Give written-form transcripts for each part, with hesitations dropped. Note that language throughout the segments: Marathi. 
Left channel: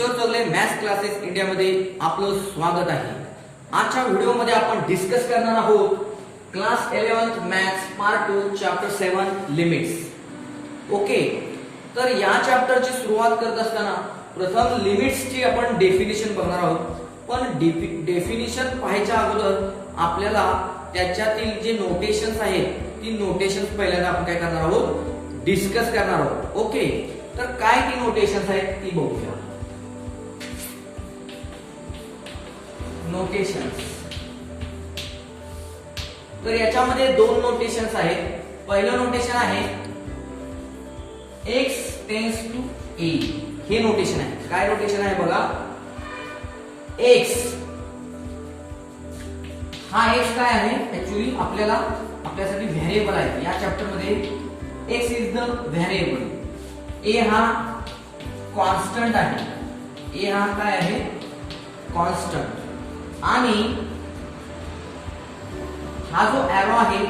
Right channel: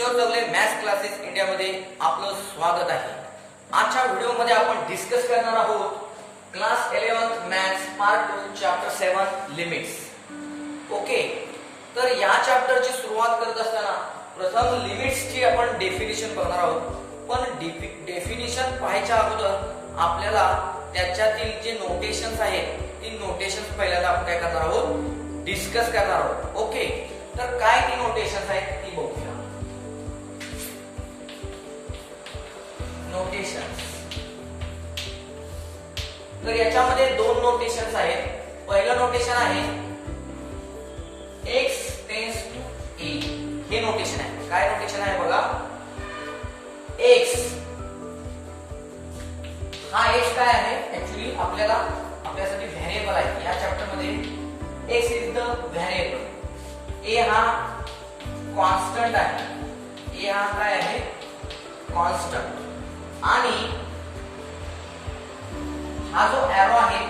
किशोर चौगले मॅथ्स क्लासेस इंडियामध्ये आपलं स्वागत आहे। आजच्या व्हिडिओमध्ये आपण डिस्कस करणार आहोत class 11th maths part 2 chapter 7 limits. Okay, तर या चॅप्टरची सुरुवात करत असताना प्रथम लिमिट्सची आपण डेफिनेशन बघणार आहोत। पण डेफिनेशन पाहायच्या अगोदर आपल्याला त्याच्यातील जे नोटेशन्स आहेत ती नोटेशन्स पहिल्यांदा आपण काय करणार आहोत, डिस्कस करणार आहोत। ओके, तर काय ती नोटेशन्स आहेत ती बघूया। नोटेशन्स, तर याच्यामध्ये दोन नोटेशन्स आहेत। पहिलं नोटेशन आहे x टेन्स टू a, हे नोटेशन आहे। काय नोटेशन आहे बघा, x हा x काय आहे, ऍक्च्युअली आपल्यासाठी व्हेरिएबल आहे। या चॅप्टर मध्ये x is the variable, a हा कॉन्स्टंट आहे, a हा काय आहे, कॉन्स्टंट। आणि हा जो एरो आहे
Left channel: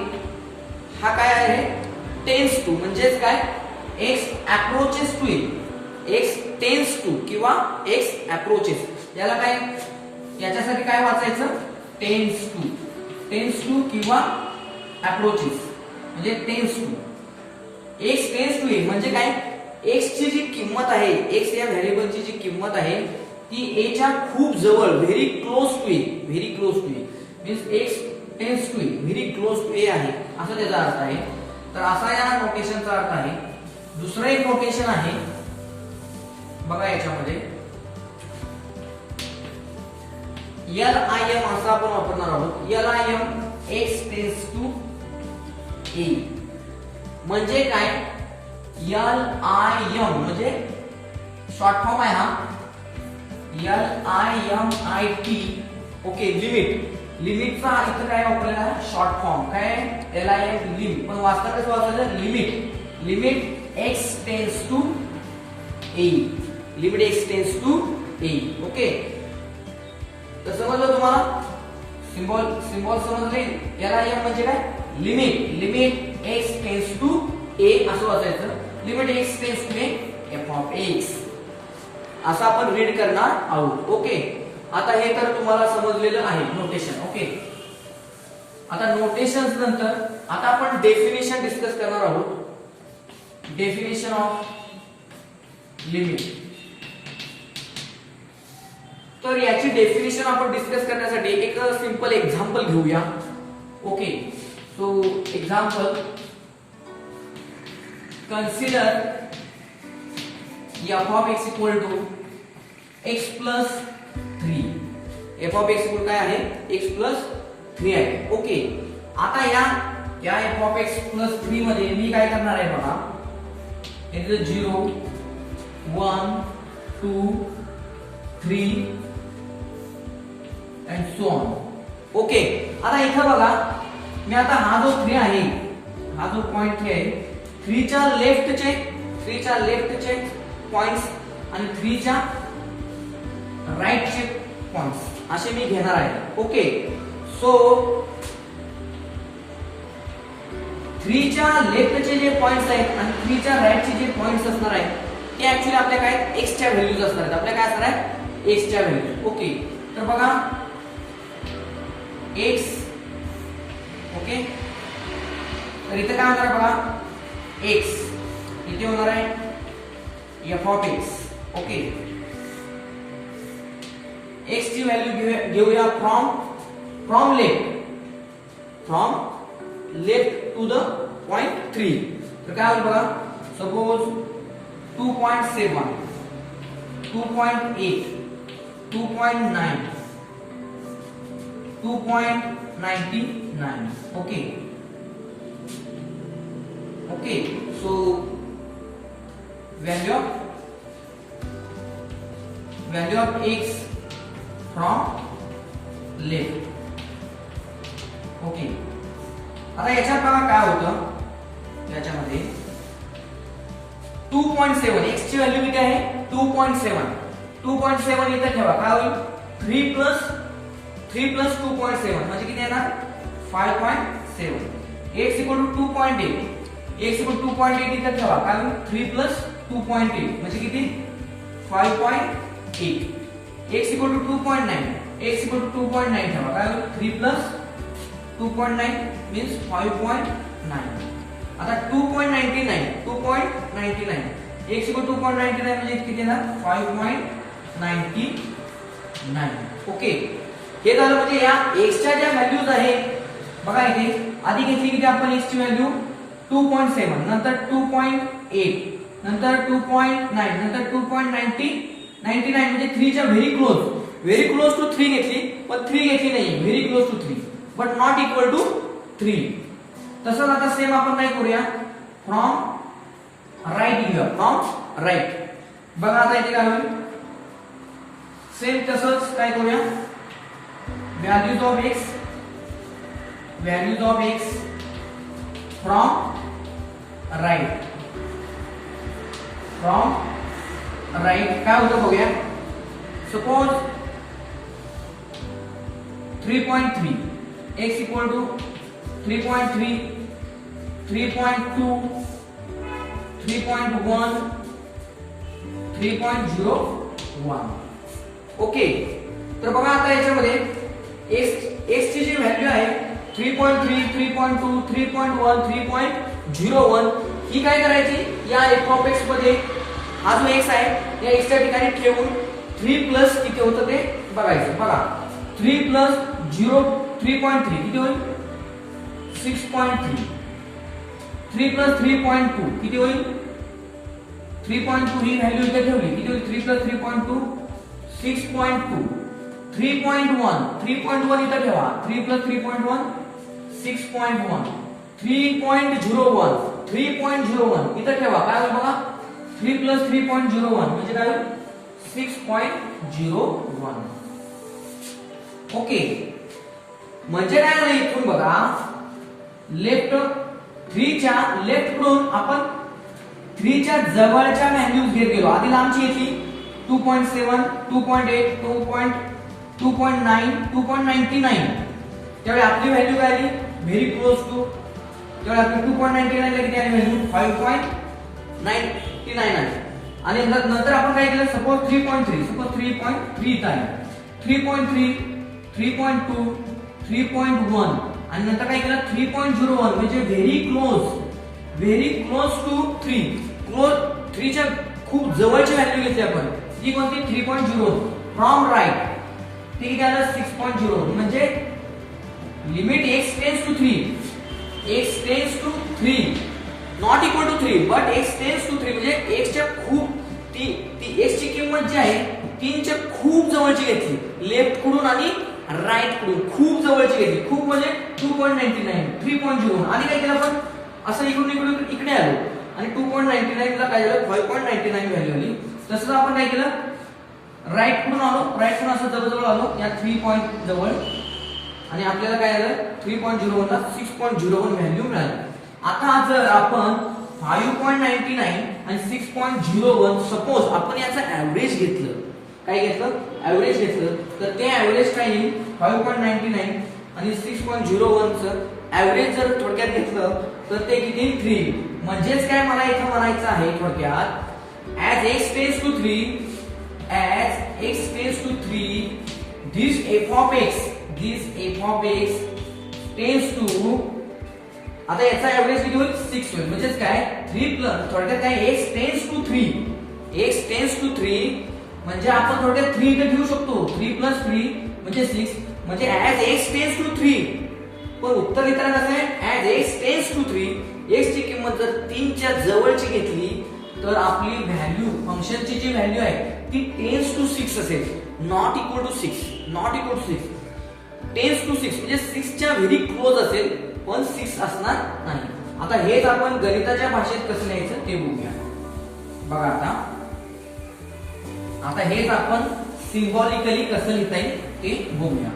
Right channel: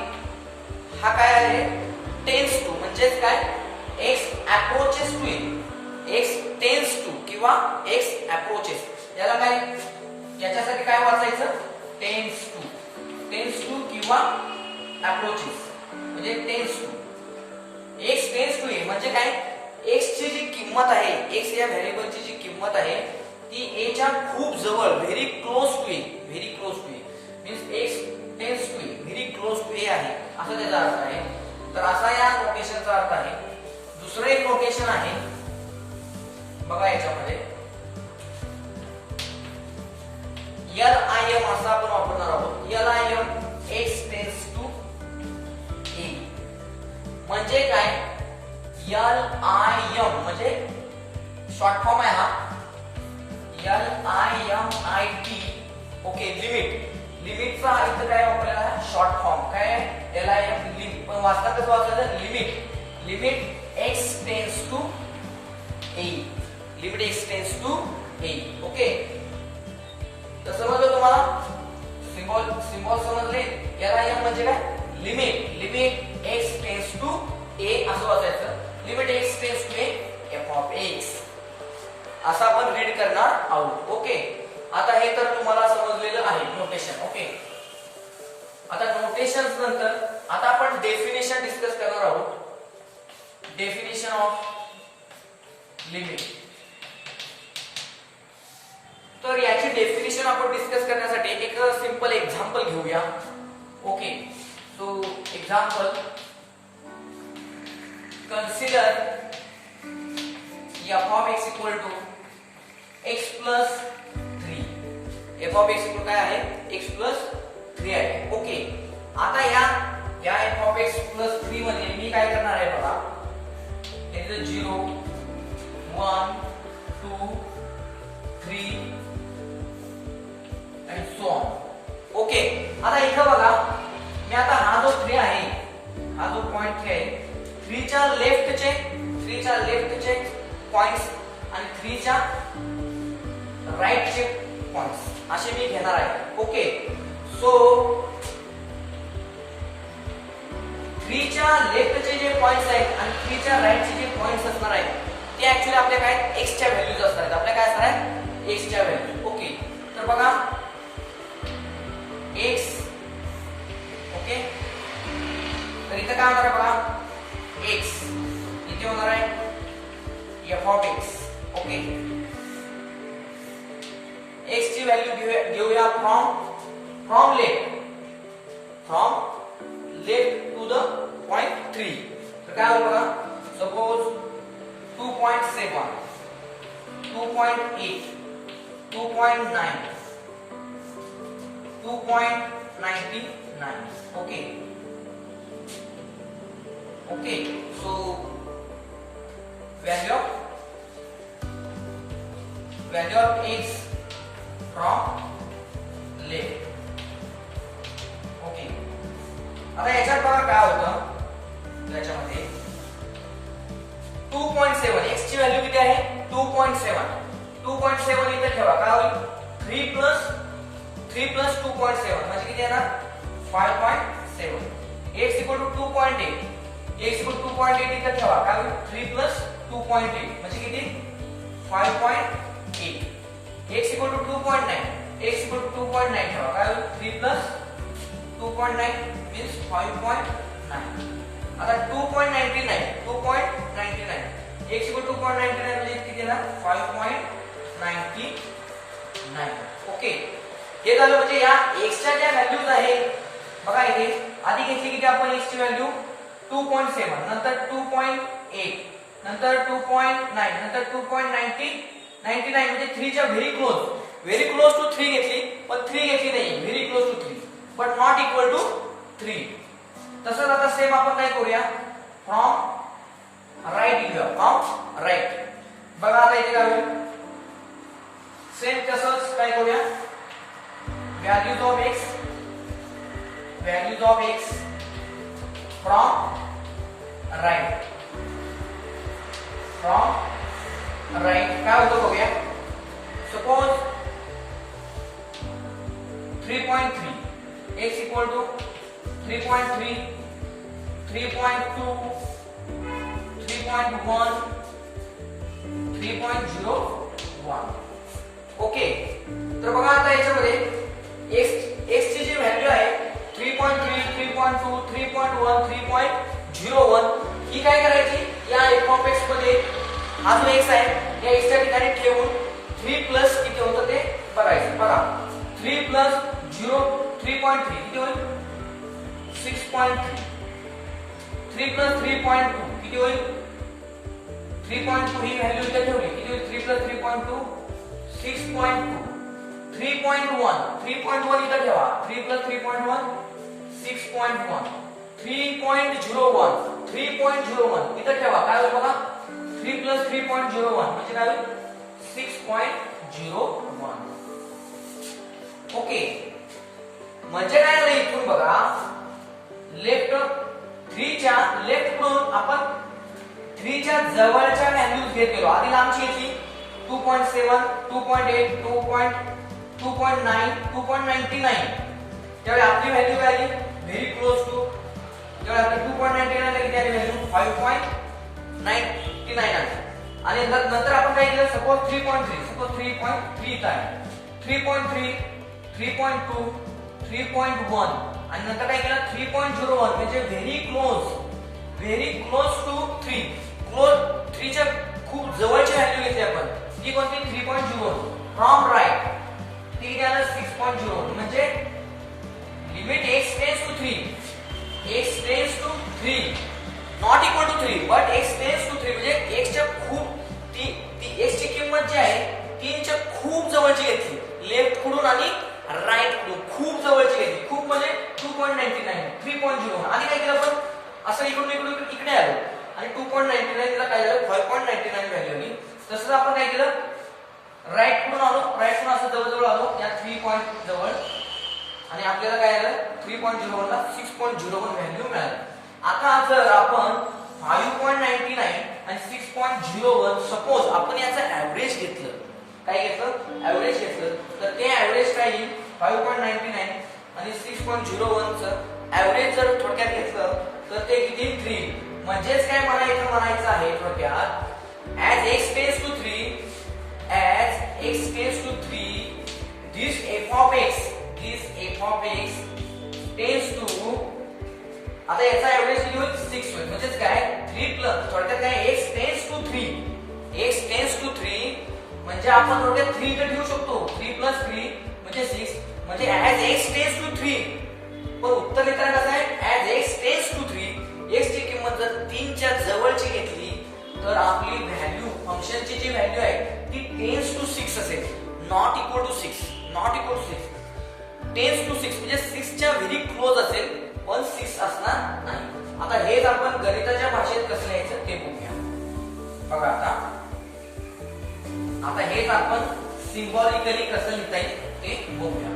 हा काय आहे, टेन्स टू, म्हणजे काय, x approaches to a, x tends to किंवा x अप्रोचेस, याला काय, याच्यासाठी काय वाचायचं, टेन्स टू किंवा अप्रोचेस, म्हणजे tends to, x tends to a म्हणजे काय, x ची जी किंमत आहे, x या व्हेरिएबलची जी किंमत आहे ती a च्या खूप जवळ, very close to a means x tends to a, very close to a आहे, असा त्याचा अर्थ आहे। तर असा या नोटेशनचा अर्थ आहे। दुसरं एक नोटेशन आहे बघा, याच्यामध्ये LIM असं आपण वापरणार आहोत। LIM x tends to a म्हणजे काय, LIM म्हणजे शॉर्ट फॉर्म आहे हा, LIMIT। ओके, लिमिटचा इथं काय वापरला, शॉर्ट फॉर्म काय, LIM लिमिट, पण वाचता कसं वाचायचं, limit x tends to a, limit x tends to a। Okay, तर समजलं तुम्हाला, सिम्बॉल समजले। LIM म्हणजे काय, limit x tends to a असं वाचायचं, limit x tends to a f of x असं आपण रीड करणार आहोत। ओके, आता हे तर तुम्हाला समजलेलं आहे नोटेशन। ओके, आता नोटेशन्स नंतर आता आपण डेफिनेशन डिस्कस करणार आहोत। डेफिनेशन ऑफ लिमिट, तर याची डेफिनेशन आपण डिस्कस करण्यासाठी एक सिंपल एक्झाम्पल घेऊया। Okay, so example, consider f of x equal to x plus 3, f of x काय आहे, x plus 3 आहे। ओके, आता या f of x plus 3 मध्ये मी काय करणार आहे बघा, इथे 0 1 2 3 and so on। ओके, आता इथं बघा, मी आता हा जो 3 आहे, हा जो पॉइंट 3 आहे, 3 च्या लेफ्टचे पॉइंट्स आणि 3 च्या राईटचे पॉइंट्स असे मी घेणार आहे। ओके, सो 3 च्या लेफ्टचे जे पॉइंट्स आहेत आणि 3 च्या राईटचे जे पॉइंट्स असणार आहेत ते ऍक्च्युअली आपल्या काय, x च्या व्हॅल्यूज असणार आहेत, आपल्या काय असणार आहे, x च्या व्हॅल्यूज। ओके, तर बघा x, ओके, तर इथं काय होणार आहे बघा, x इथे होणार आहे f of x। Okay, x ची व्हॅल्यू घेऊया from left to the point 3। तर काय होईल बघा, suppose 2.7 2.8 2.9 2.99। Okay, so value of x from left। Okay, आता याच्यात बघा काय होतं, याच्यामध्ये 2.7 x ची व्हॅल्यू किती आहे, 2.7 इथे ठेवा, काय होईल, 3 प्लस 2.7 म्हणजे किती येणार, 5.7, x equal to 2.8, x equal to 2.8 इथे ठेवा, काय होईल, 3 प्लस 2.8 म्हणजे किती, 5.7 8 x equal to 2.9 x equal to 2.9 ठेवा काय 3 प्लस 2.9 मीन्स 5.9 आता 2.99 x इक्वल 2.99 म्हणजे किती ना 5.99 ओके हे झालं म्हणजे या x च्या ज्या व्हॅल्यूज आहेत बघा इथे आधी घेतली किती आपण x ची व्हॅल्यू 2.7 नंतर 2.8 नंतर 2.9 नंतर 2.99 म्हणजे 3 च्या व्हेरी क्लोज टू 3 घेतली पण 3 घेतली नाही very close to 3 but not equal to 3 तसंच आता सेम आपण काय करूया फ्रॉम राईट घेऊया फ्रॉम राईट बघा आता इथे काय होईल सेम तसंच काय करूया values of x from right काय होतं बघूया suppose 3.3 x equal to 3.3 3.2 3.1 3.01 okay तर बघा आता याच्यामध्ये x ची जी व्हॅल्यू आहे 3.3 3.2 3.1 3.01 ही काय करायची या f(x) मध्ये हा जो x आहे या x च्या ठिकाणी ठेवून 3 प्लस किती होतं ते बघायचं बघा 3 प्लस 3.3 किती होईल 6.3 3 प्लस 3.2 किती होईल 3.2 ही व्हॅल्यू इथे ठेवली किती होईल 3 प्लस 3.2 6.2 3.1 इथे ठेवा 3 प्लस 3.1 6.1 3.01 इथे ठेवा काय होईल बघा 3 प्लस 3.01 म्हणजे काय होईल 6.01 ओके म्हणजे काय झालं इथून बघा लेफ्ट 3 च्या लेफ्ट कडून आपण 3 च्या जवळच्या व्हॅल्यूज घेत गेलो आधी लांबची घेतली 2.7 2.8 2.9 2.99 त्यावेळी आपली व्हॅल्यू काय आली व्हेरी क्लोज टू त्यावेळी आपली 2.99 ला किती आली व्हॅल्यू 5.99 आली आणि नंतर आपण काय केलं सपोज 3.3 इथं आहे 3.3 3.2 3.1 आणि नंतर काय केलं 3.01 म्हणजे व्हेरी क्लोज टू 3 च्या खूप जवळची व्हॅल्यू घेतली आपण जी कोणती 3.0 फ्रॉम राईट ती किती आलं 6.0 म्हणजे limit x tends to 3 not equal to 3 but x tends to 3 म्हणजे x च्या खूप ती x ची किंमत जी आहे 3 च्या खूप जवळची घेतली लेफ्ट कडून आणि राईट कडून खूप जवळची घेतली खूप म्हणजे 2.99 3.0 आणि काय केलं आपण असं इकडून इकडे आलो आणि 2.99 ला काय झालं 5.99 व्हॅल्यू आली तसंच आपण काय केलं राईट कडून असं जवळ आलो या 3 पॉइंट जवळ आणि आपल्याला काय आलं 3.01 ला 6.01 व्हॅल्यू मिळाली आता जर आपण 5.99 आणि 6.01 सपोज आपण याचं ऍव्हरेज घेतलं काय घेतलं ऍव्हरेज घेतलं तर ते ऍव्हरेज काय येईल 5.99 आणि 6.01 चं ऍव्हरेज जर थोडक्यात घेतलं तर ते किती 3 म्हणजेच काय मला इथं म्हणायचं आहे थोडक्यात as x tends to 3 this f of x tends to आता याचा ऍव्हरेज किती होईल 6 होईल म्हणजेच काय 3 प्लस थोडक्यात काय x tends to 3 म्हणजे आपण थोडक्यात 3 इथे ठेवू शकतो 3 प्लस 3 म्हणजे 6 म्हणजे as x tends to 3 पण उत्तर लिहिताना कसं आहे as x tends to 3 x ची किंमत जर 3 च्या जवळची घेतली तर आपली व्हॅल्यू फंक्शनची जी व्हॅल्यू आहे ती टेन्स टू 6 असेल not equal to 6 tends to 6 म्हणजे 6 च्या व्हेरी क्लोज असेल पण 6 असणार नाही आता हेच आपण गणिताच्या भाषेत कसं लिहायचं ते बघूया बघा आता हेच आपण सिम्बॉलिकली कसं लिहिता येईल ते बघूया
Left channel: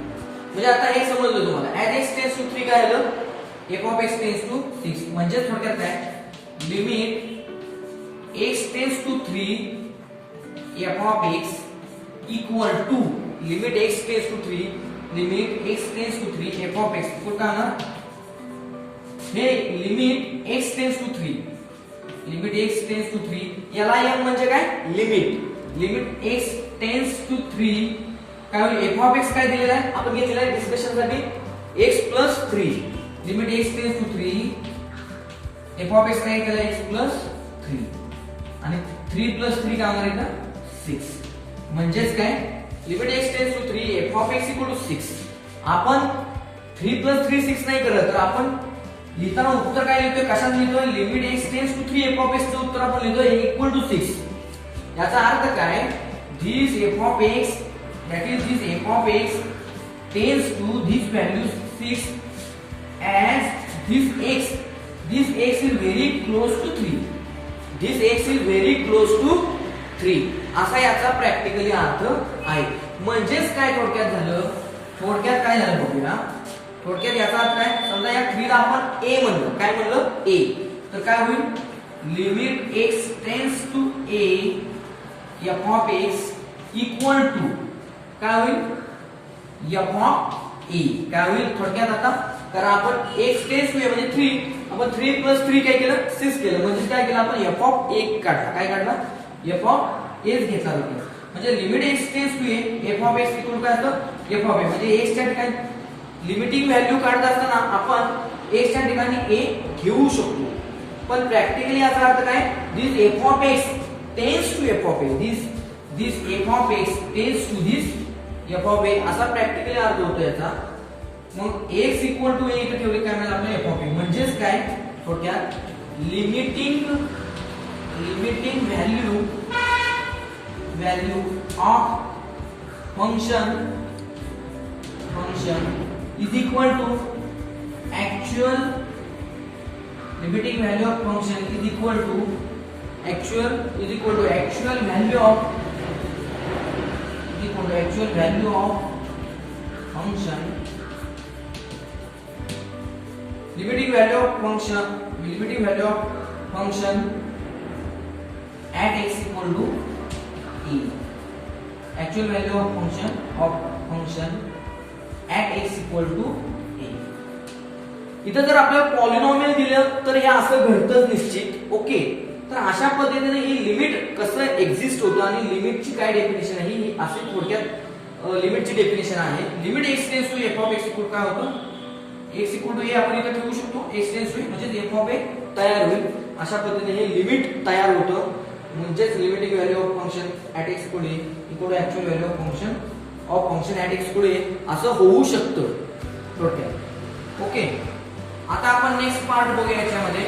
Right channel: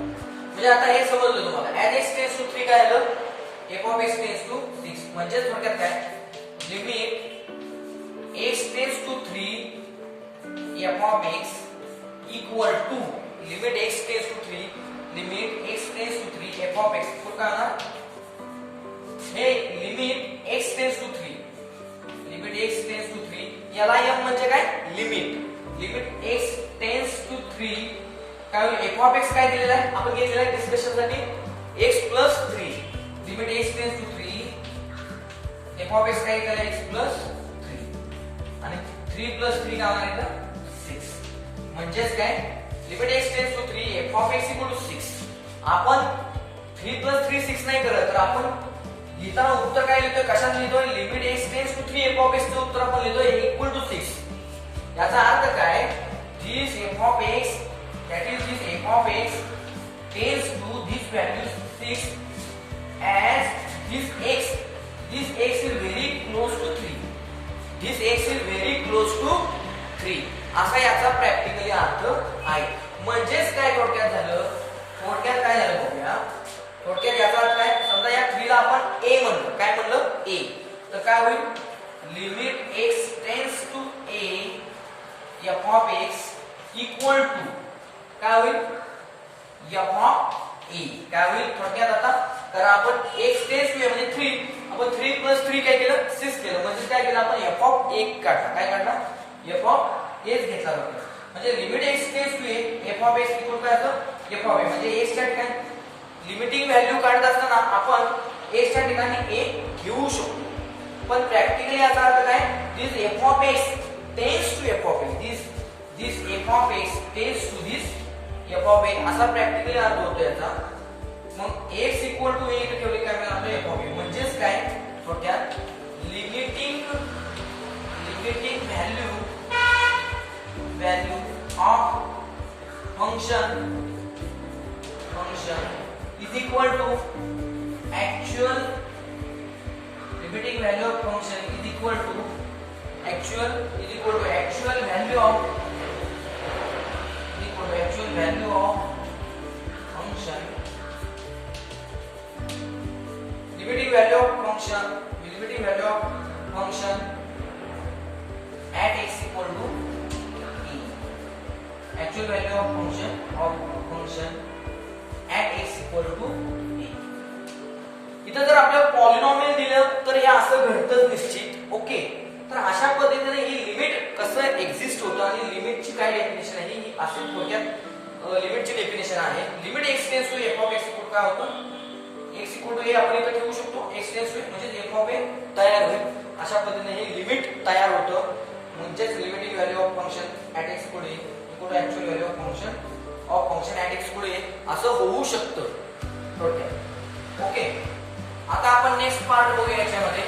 म्हणजे आता हे समजलं तुम्हाला as x tends to 3 काय आलं f of x tends to 6 म्हणजे थोडक्यात काय limit x tends to 3 f of x equal to limit x tends to 3 limit x tends to 3 f of x पुढे काय ना हे लिमिट x tends to 3 याला m म्हणजे काय limit limit x tends to 3 काय होईल एफ ऑफ एक्स काय दिलेला आहे आपण घेतलेला आहे डिस्कशन साठी x plus 3 limit x tends to 3 f of x काय केलं x प्लस 3 आणि 3 प्लस 3 काय होणार इथं 6 म्हणजेच काय limit x tends to 3 f of x equal to 6 आपण 3 प्लस 3 6 नाही करत तर आपण लिहिताना उत्तर काय लिहितोय कशात लिहितोय limit x tends to 3 f of x चं उत्तर आपण लिहितोय इक्वल टू 6 याचा अर्थ काय this F of X that is this f of x tends to this value 6 as this x is very close to 3 this x is very close to 3 असा याचा प्रॅक्टिकली अर्थ आहे म्हणजेच काय थोडक्यात काय झालं बघूया थोडक्यात याचा अर्थ काय समजा या 3 ला आपण a म्हणलं काय म्हणलं a तर काय होईल limit x tends to a f of x equal to काय होईल f ऑफ a काय होईल थोडक्यात आता तर आपण x टेन्स टू a म्हणजे 3 आपण 3 प्लस 3 काय केलं 6 केलं म्हणजे काय केलं आपण f ऑफ a काढला काय काढला f ऑफ a घेतला होता म्हणजे limit x tends to a f of x equal काय असतं f ऑफ a म्हणजे x च्या ठिकाणी लिमिटिंग व्हॅल्यू काढत असताना आपण x च्या ठिकाणी a घेऊ शकतो पण प्रॅक्टिकली याचा अर्थ काय this f of x tends to f of a this f of x tends to this f of a असा प्रॅक्टिकली अर्थ होतो याचा मग x इक्वल टू a इथे ठेवले काय मिळेल आपल्याला f ऑफ a म्हणजेच काय थोडक्यात limiting value of function is equal to actual limiting value of function is equal to actual value of function limiting value of function at x equal to e actual value of function at x equal to e इथं जर आपल्याला पॉलिनॉमियल दिलं तर हे असं घडतंच निश्चित ओके तर अशा पद्धतीने ही लिमिट कसं एक्झिस्ट होतं आणि लिमिटची काय डेफिनेशन आहे ही अशी थोडक्यात लिमिटची डेफिनेशन आहे limit x tends to f of x equal काय होतं x इक्वल टू a आपण इथे ठेवू शकतो x टेन्स टू म्हणजे f ऑफ a तयार होईल अशा पद्धतीने हे लिमिट तयार होतं म्हणजेच limiting value of function at x equal to actual value of function at x equal असं होऊ शकतं थोडक्यात ओके आता आपण नेक्स्ट पार्ट बघूया याच्यामध्ये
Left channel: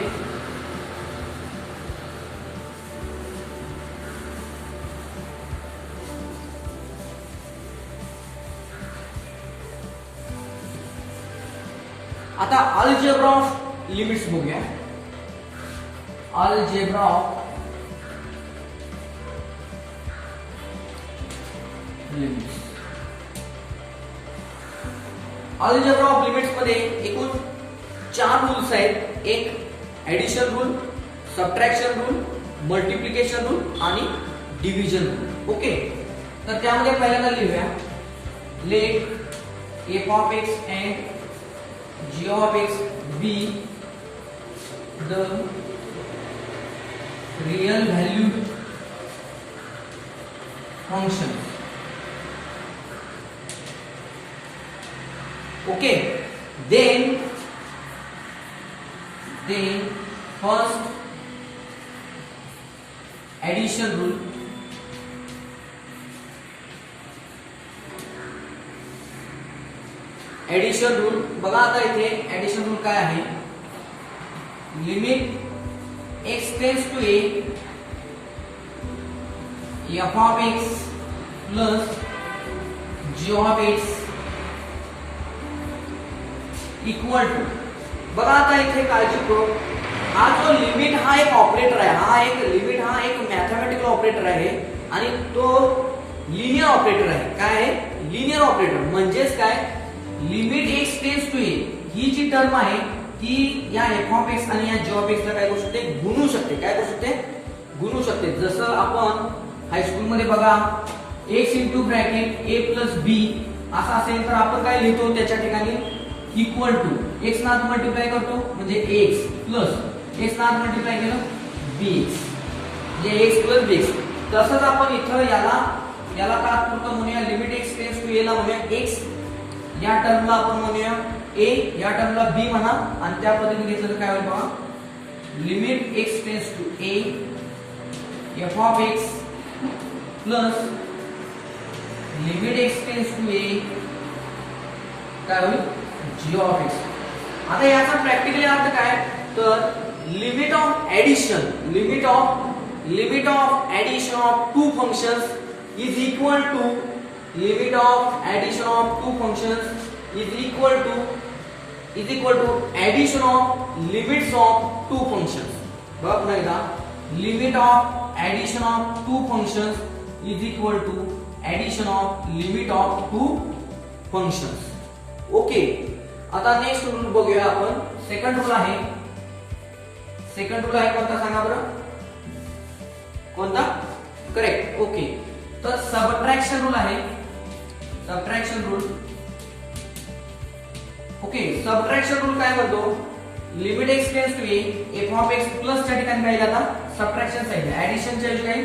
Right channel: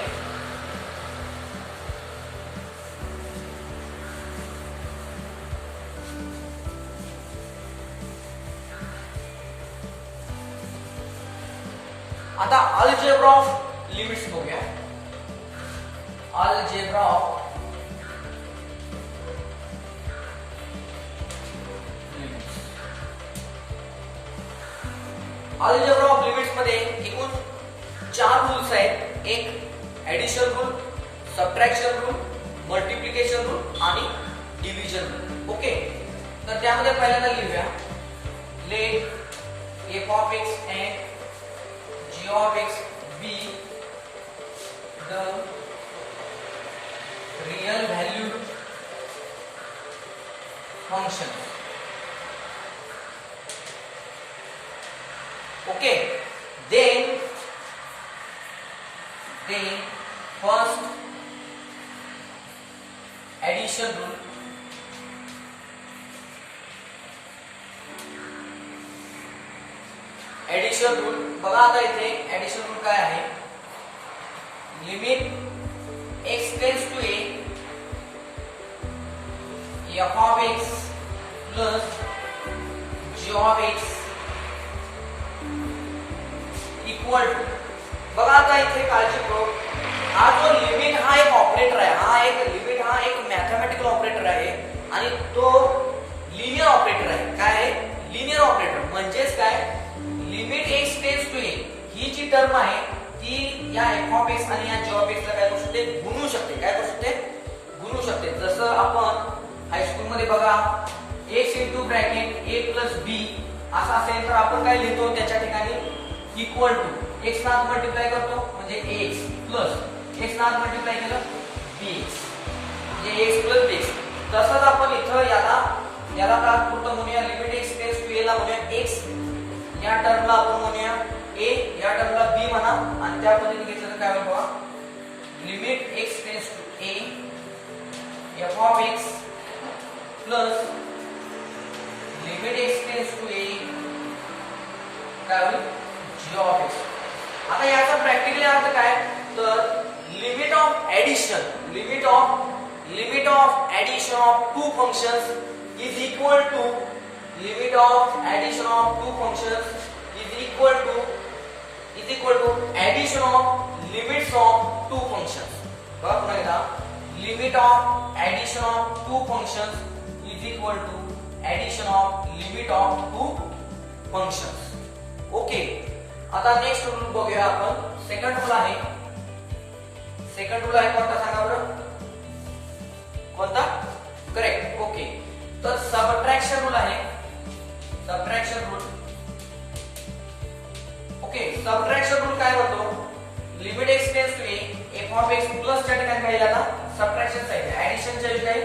आता अल्जेब्रा ऑफ लिमिट्स बघूया algebra of limits algebra of limits मध्ये एकूण 4 रूल्स आहेत एक addition rule subtraction rule multiplication rule आणि डिव्हिजन रूल ओके तर त्यामध्ये पहिल्यांदा लिहूया let f of x and g of x be the real valued function okay then first addition rule बघा आता इथे ऍडिशन रूल काय आहे limit x tends to a f of x plus g of x equal to बघा आता इथे काळजीपूर्वक हा जो लिमिट हा एक ऑपरेटर आहे हा एक मॅथमॅटिकल ऑपरेटर आहे आणि तो लिनियर ऑपरेटर आहे काय आहे लिनियर ऑपरेटर म्हणजेच काय limit x tends to a ही जी टर्म आहे ती या f ऑफ x आणि या g ऑफ x ला काय करू शकते गुणू शकते जसं आपण हायस्कूल मध्ये बघा x into bracket a plus b असं असेल तर आपण काय लिहितो त्याच्या ठिकाणी इक्वल टू x ना आत मल्टिप्लाय करतो म्हणजे ax प्लस x ना आत मल्टिप्लाय केलं bx म्हणजे x प्लस bx तसंच आपण इथं याला तात्पुरतं म्हणूया लिमिट एक्स टेन्स टू ए ला म्हणूया एक्स, या टर्मला आपण म्हणूया ए, या टर्मला बी म्हणा, आणि त्या पद्धतीने घेतलं तर काय होईल बघा, limit x tends to A F of x plus limit x tends to ए काय होईल जी ऑफ एक्स. आता याचा प्रॅक्टिकली अर्थ काय, तर limit of addition of two functions is equal to limit of addition of two functions is equal to addition of limits of two functions. बघ पुन्हा एकदा, limit of addition of two functions is equal to addition of limit of two functions. Okay, आता नेक्स्ट रूल बघूया आपण. सेकंड रूल आहे कोणता सांगा बरं, कोणता, करेक्ट. ओके, तर सबट्रॅक्शन रूल आहे, subtraction rule. Okay, subtraction rule काय म्हणतो, limit x tends to A F of x plus च्या ठिकाणी काय आता सबट्रॅक्शन साइन, ऍडिशनच्या ठिकाणी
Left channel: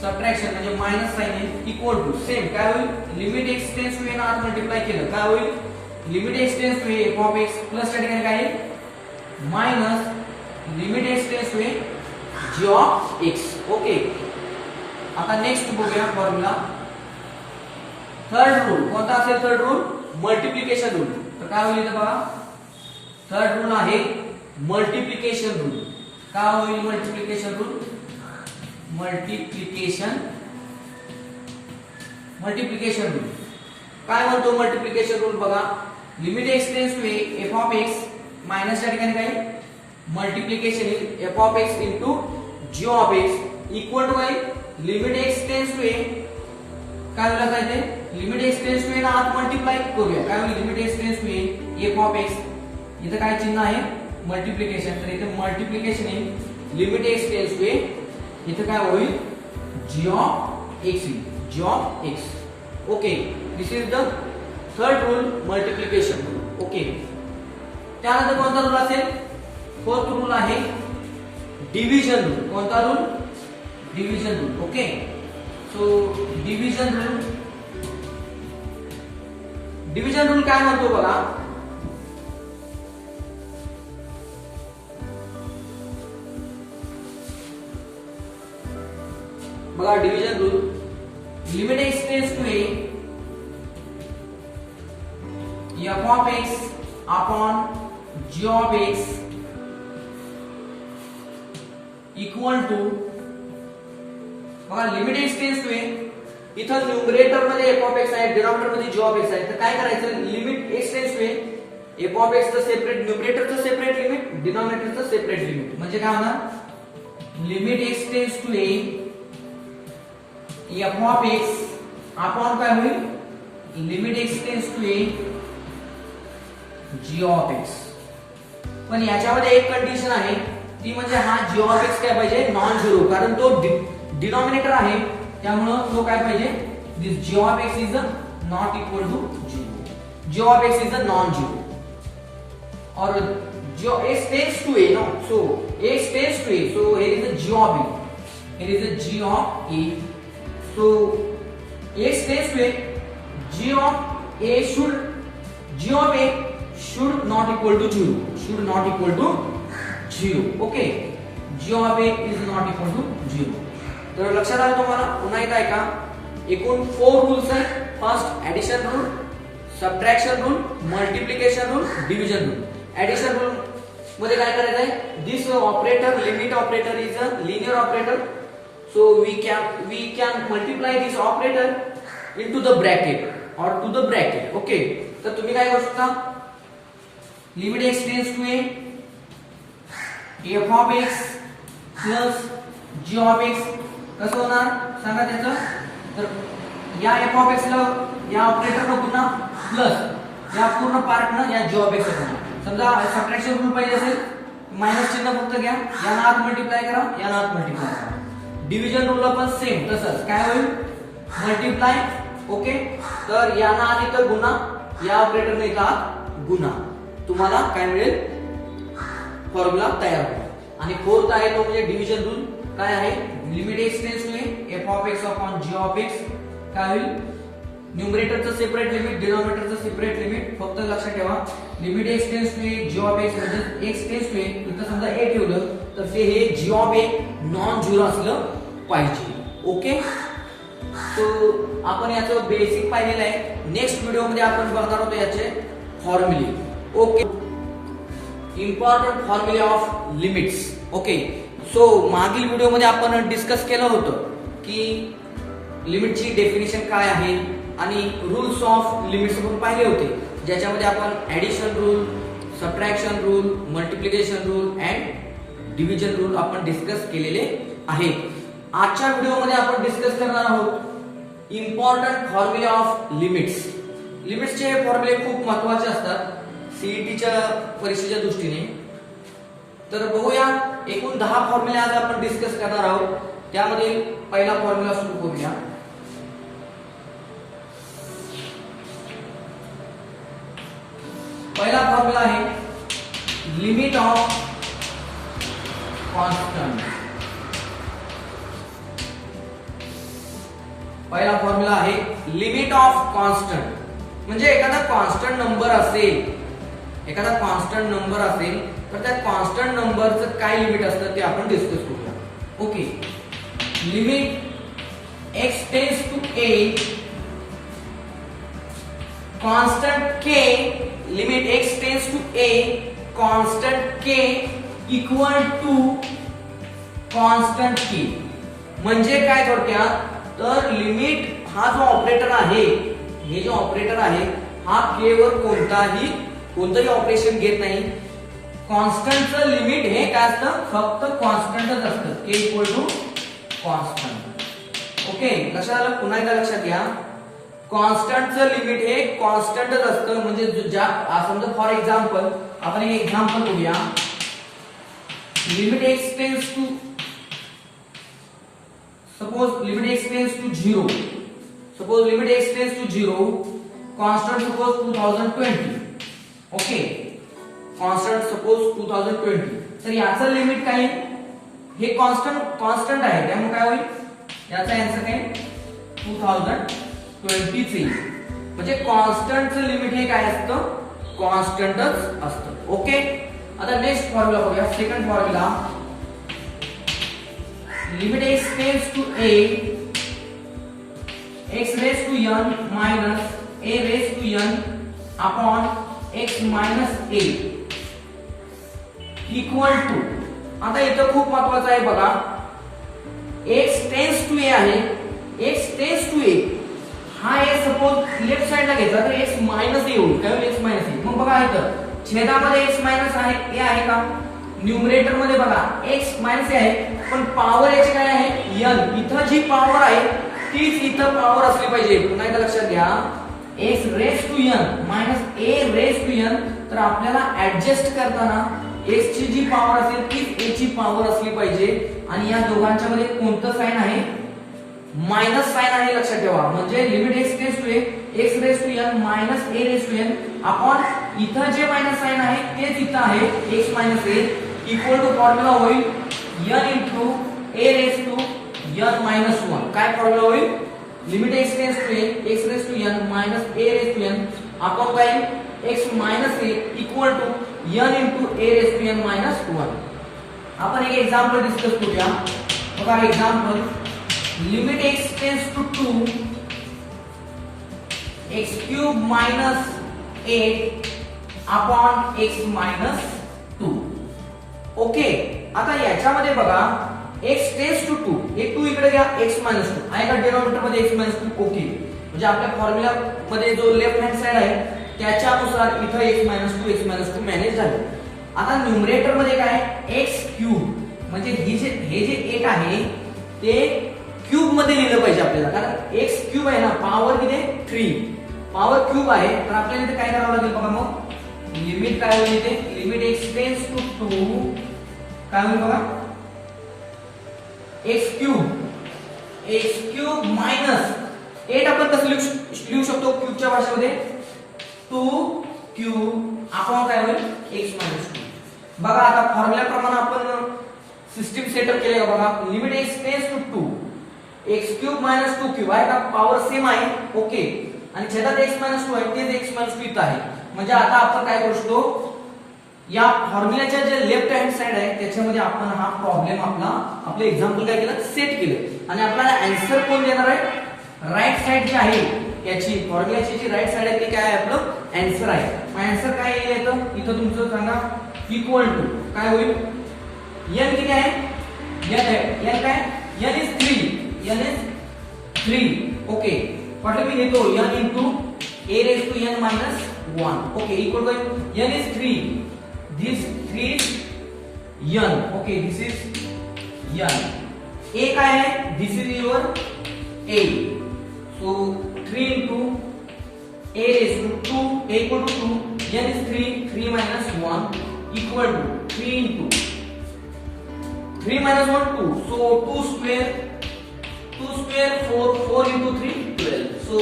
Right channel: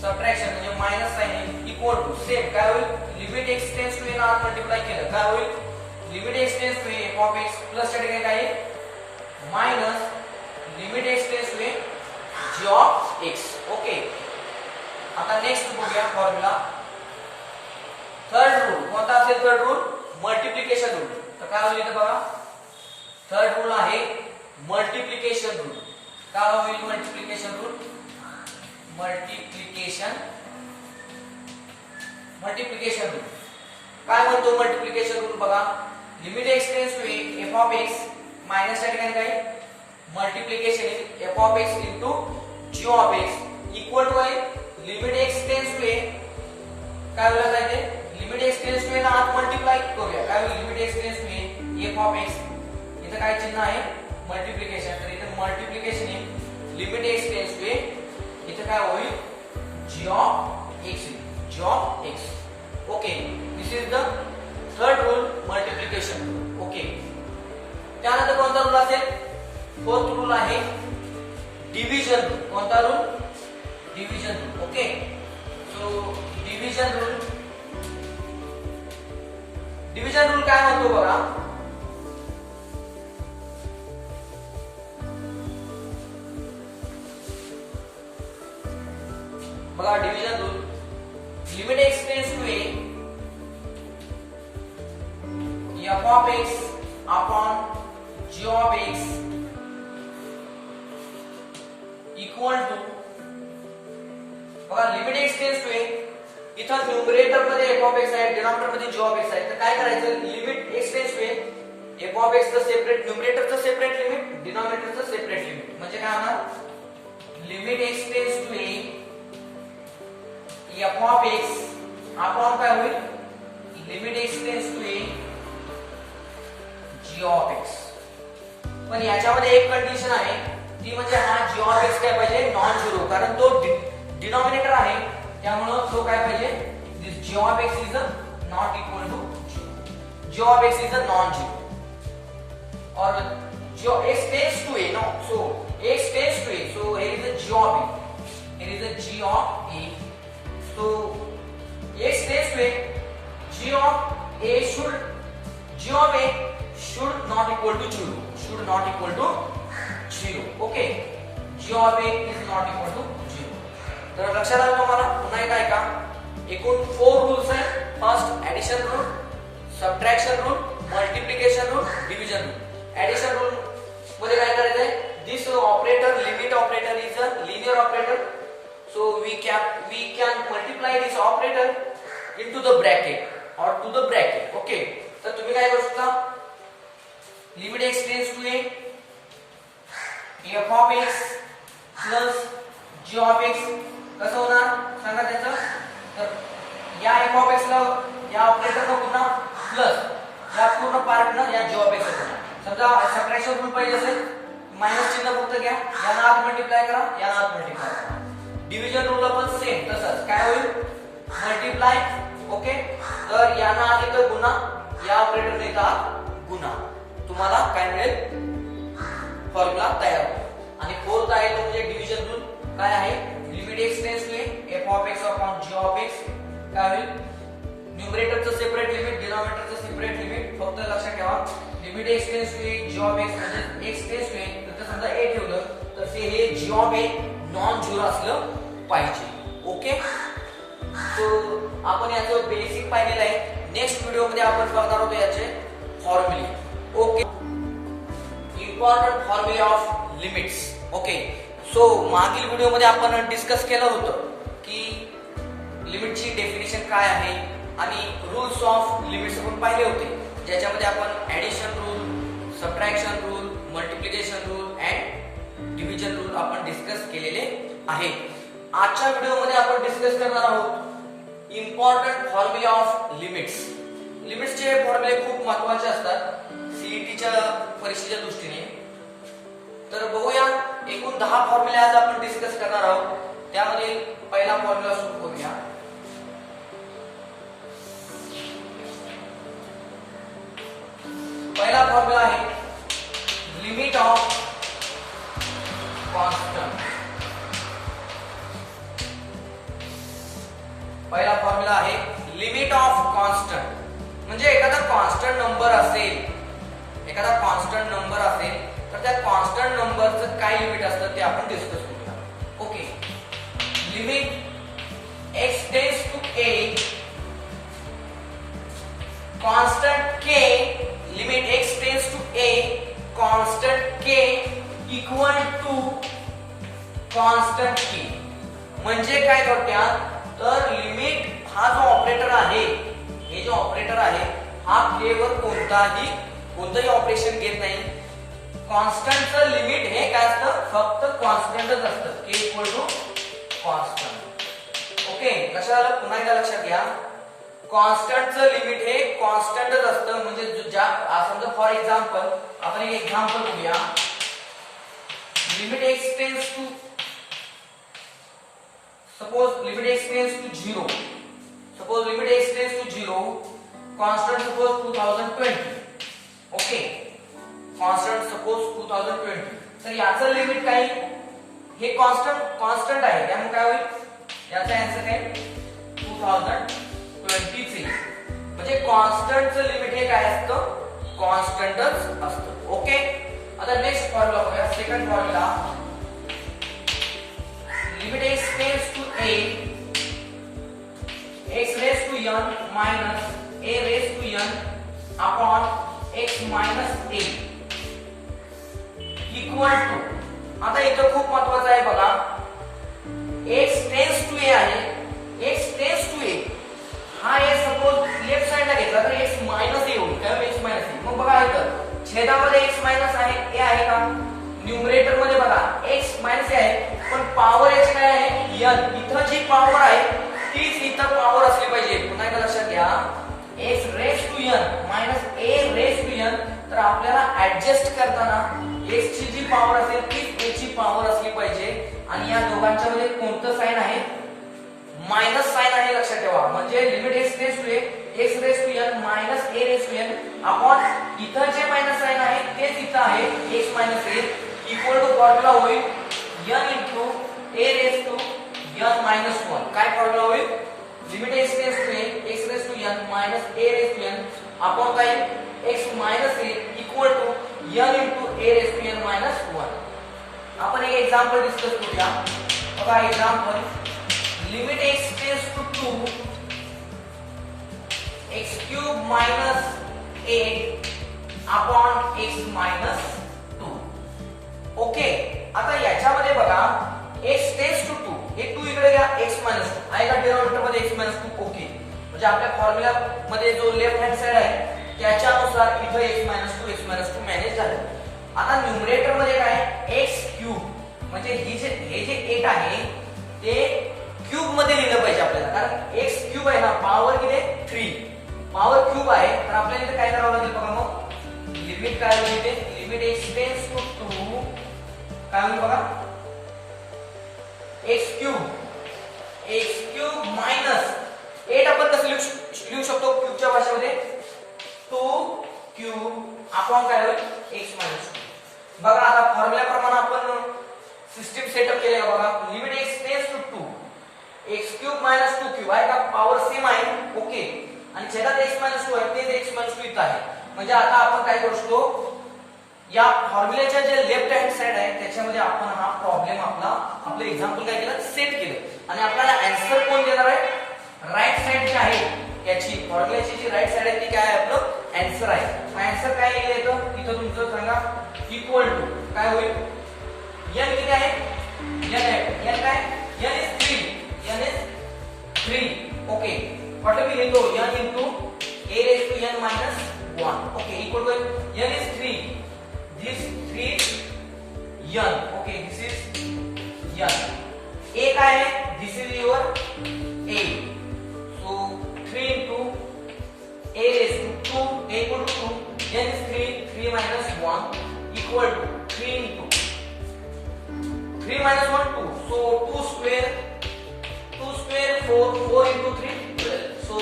सबट्रॅक्शन म्हणजे मायनस साइन आहे, इक्वल टू सेम काय होईल, limit x tends to a ना आत मल्टिप्लाय केलं काय होईल, limit x tends to A F of x plus च्या ठिकाणी काय आहे minus limit x tends to A G of x. Okay, आता नेक्स्ट बघूया फॉर्म्युला. थर्ड रूल कोणता असेल, थर्ड रूल मल्टिप्लिकेशन रूल. तर काय होईल इथं बघा, थर्ड रूल आहे मल्टिप्लिकेशन रूल. काय होईल मल्टिप्लिकेशन रूल, मल्टिप्लिकेशन रूल काय म्हणतो, मल्टिप्लिकेशन रूल बघा, limit x tends to A F of x minus च्या ठिकाणी काय multiplication f of x into g of x equal to काय लिमिट एक्स टेन्स टू ए काय होईल पाहिजे, limit x tends to a ना आत मल्टिप्लाय करूया काय होईल, limit x tends to A F of x, इथं काय चिन्ह आहे मल्टिप्लिकेशन, तर इथे मल्टिप्लिकेशन आहे limit x tends to A, इथे काय होईल G of X, G of x. Okay, this is the third rule multiplication rule. Okay, त्यानंतर कोणता रूल असेल, फोर्थ रूल आहे डिव्हिजन रूल. कोणता rule, division rule. Okay, so division rule काय म्हणतो बघा, division rule, limit x tends to A F of X upon G of x equal to, बघा limit x tends to A, इथं न्यूमरेटर मध्ये एफ ऑफ एक्स आहे, डिनॉमिनेटर मध्ये जी ऑफ एक्स आहे, तर काय करायचं, limit x tends to A F of x चं सेपरेट, न्यूमरेटरचं सेपरेट लिमिट, डिनॉमिनेटरचं सेपरेट लिमिट, म्हणजे काय होणार, limit x tends to A F of X upon काय होईल, limit x tends to A G of X. पण याच्यामध्ये एक कंडिशन आहे, ती म्हणजे हा जी ऑफ एक्स काय पाहिजे नॉन झिरो, कारण तो डिनॉमिनेटर आहे, त्यामुळं तो काय पाहिजे, this G of X is not equal to zero, G of X is non zero, और जो X tends to A no, so X tends to A, so here is a g of a, here is a g of a, so x tends to a, g of a should not equal to 0, should not equal to 0. Okay, g of a is not equal to 0. तर लक्षात आलं तुम्हाला, पुन्हा एकदा ऐका, एकूण 4 रूल्स आहेत. First addition rule, subtraction rule, multiplication rule, division rule. Addition rule मध्ये काय करायचंय, this operator limit operator is a linear operator, so we can multiply this operator into the bracket or to the bracket. Okay, तर तुम्ही काय करू शकता, limit x tends to A F of x plus g of x कसं होणार सांगा त्याचं, तर या एफ ऑफ एक्स ला या ऑपरेटरला पुन्हा प्लस या पूर्ण पार्टनं या जी ऑफ एक्स होणार. समजा सबट्रॅक्शन रूल पाहिजे असेल, मायनस चिन्ह फक्त घ्या, याला आत मल्टिप्लाय करा, याला आत मल्टिप्लाय करा. डिव्हिजन रूल पण सेम तसंच काय होईल, मल्टिप्लाय. ओके, तर याना अधिक गुणा, या ऑपरेटरने का गुणा, तुम्हाला काय मिळेल, फॉर्म्युला तयार होईल. आणि फोर्थ आहे तो म्हणजे डिव्हिजन रूल. काय आहे limit x tends to f of x upon g of x काय होईल न्यूमरेटरचं सेपरेट लिमिट डिनॉमिनेटरचं सेपरेट लिमिट फक्त लक्षात ठेवा limit x tends to g of x म्हणजे x टेन्स टू इथं समजा a ठेवलं तर ते हे g of a non zero असलं पाहिजे ओके सो आपण याचं बेसिक पाहिलेलं आहे नेक्स्ट व्हिडिओ मध्ये आपण बघणार आहोत याचे फॉर्म्युले ओके इम्पॉर्टंट फॉर्म्युले ऑफ लिमिट्स ओके सो मागील व्हिडिओ मध्ये आपण डिस्कस केलं होतं की लिमिटची डेफिनेशन काय आहे आणि रूल्स ऑफ लिमिट्स आपण पाहिले होते ज्याच्यामध्ये आपण addition rule subtraction rule multiplication rule and division rule आपण डिस्कस केलेले आहे आजच्या व्हिडिओ मध्ये आपण डिस्कस करणार आहोत इम्पॉर्टंट फॉर्म्युले ऑफ लिमिट्स लिमिट्सचे फॉर्म्युले खूप महत्त्वाचे असतात सीईटीच्या परीक्षेच्या दृष्टीने तर बघूया एकूण 10 फॉर्म्युले आज आपण डिस्कस करणार आहोत त्यामध्ये पहिला फॉर्म्युला सुरू करूया पहिला फॉर्म्युला आहे लिमिट ऑफ कॉन्स्टंट पहिला फॉर्म्युला आहे लिमिट ऑफ कॉन्स्टंट म्हणजे एखादा कॉन्स्टंट नंबर असेल तर त्या कॉन्स्टंट नंबरचं काय लिमिट असतं ते आपण डिस्कस करूया okay limit x tends to a constant k limit x tends to a constant k equal to constant k म्हणजे काय थोडक्यात तर लिमिट हा जो ऑपरेटर आहे हे जो ऑपरेटर आहे हा k वर कोणताही ऑपरेशन घेत नाही कॉन्स्टंटचं लिमिट हे काय असतं फक्त कॉन्स्टंटच असतं k equal to constant okay लक्षात आलं पुन्हा एकदा लक्षात घ्या कॉन्स्टंटचं लिमिट हे कॉन्स्टंटच असतं म्हणजे समजा फॉर एक्झाम्पल आपण एक एक्झाम्पल बघूया limit x tends to suppose limit x tends to 0 suppose limit x tends to 0 constant suppose 2020 okay constant suppose 2020 तर याचं लिमिट काय हे कॉन्स्टंट आहे त्यामुळे काय होईल याचा आन्सर काय 2020 चे म्हणजे कॉन्स्टंटचं लिमिट हे काय असतं कॉन्स्टंटच असतं ओके आता नेक्स्ट फॉर्म्युला बघूया second formula limit x tends to a x raised to n minus a raised to n upon x minus a equal to आता इथं खूप महत्वाचं आहे बघा x tends to a आहे x tends to a हा a सपोज लेफ्ट साइडला घेतला तर x minus a होईल काय होईल x minus a मग बघा इथं छेदामध्ये x minus आहे a आहे का न्यूमरेटर मध्ये बघा x मायनस आहे पण पॉवर याची काय आहे n इथं जी पॉवर आहे तीच इथं पॉवर असली पाहिजे पुन्हा एकदा लक्षात घ्या x raise to n minus a raise to n तर आपल्याला ऍडजस्ट करताना x ची जी पॉवर असेल तीच a ची पॉवर असली पाहिजे आणि या दोघांच्या मध्ये कोणतं साइन आहे मायनस साइन आहे लक्षात ठेवा म्हणजे limit x tends to x raise to n minus a raise to n upon इथं जे मायनस साइन आहे तेच इथं आहे x minus a equal to formula होईल n into a raise to n minus 1 काय फॉर्म्युला होईल limit x tends to x raise to n minus a raise to n upon काय x minus a equal to n into a raise to n minus 1 आपण एक एक्झाम्पल डिस्कस करूया बघा example limit x tends to 2 x cube minus 8 upon x minus 2 okay आता याच्यामध्ये बघा x टेन्स टू 2 हे 2 इकडे घ्या x मायनस 2 आहे का डिनॉमिनेटर मध्ये x मायनस 2 ओके म्हणजे आपल्या फॉर्म्युला मध्ये जो लेफ्ट हँड साइड आहे त्याच्यानुसार इथं x मायनस 2 मॅनेज झालं आता न्यूमरेटर मध्ये काय x क्यूब म्हणजे हे जे 8 आहे ते क्यूब मध्ये लिहिलं पाहिजे आपल्याला कारण x क्यूब आहे ना पॉवर किती 3 पॉवर क्यूब आहे तर आपल्याला इथे काय करावं लागेल बघा मग लिमिट काय होईल इथे लिमिट x टेन्स टू 2 काय होईल बघा x क्यूब मायनस 8 आपण कसं लिहू शकतो क्यूबच्या भाषेमध्ये 2 क्यूब अपॉन काय होईल x मायनस 2 बघा आता फॉर्म्युला प्रमाणे आपण सिस्टीम सेटअप केले का बघा. Limit x tends to 2 x cube minus 2 cube आहे का, पॉवर सेम आहे. ओके, आणि छेदात x मायनस 2 आहे, तेच x मायनस 2 इथं आहे. म्हणजे आता आपण काय करू शकतो, या फॉर्म्युल्याच्या जे लेफ्ट हँड साइड आहे त्याच्यामध्ये आपण हा प्रॉब्लेम आपलं एक्झाम्पल काय केलं, सेट केलं, आणि आपल्याला आन्सर कोण देणार आहे, राईट साइड जी आहे याची फॉर्म्युल्याची जी राईट साइड आहे ती काय आहे, आपलं आन्सर आहे. मग आन्सर काय येतं इथं तुमचं सांगा, इक्वल टू काय होईल, n किती आहे, n आहे, n काय, n is 3, n is 3. Okay, म्हटलं मी लिहितो n into a raise to n minus 1. Okay, equal to n is 3, this 3 is n. Okay, this is n. a काय आहे, this is your a. so 3 into a raised to 2, a equal to 2, n is 3, 3 minus 1 equal to 3 into 3 minus 1 2, so 2 square 4, 4 into 3 12. so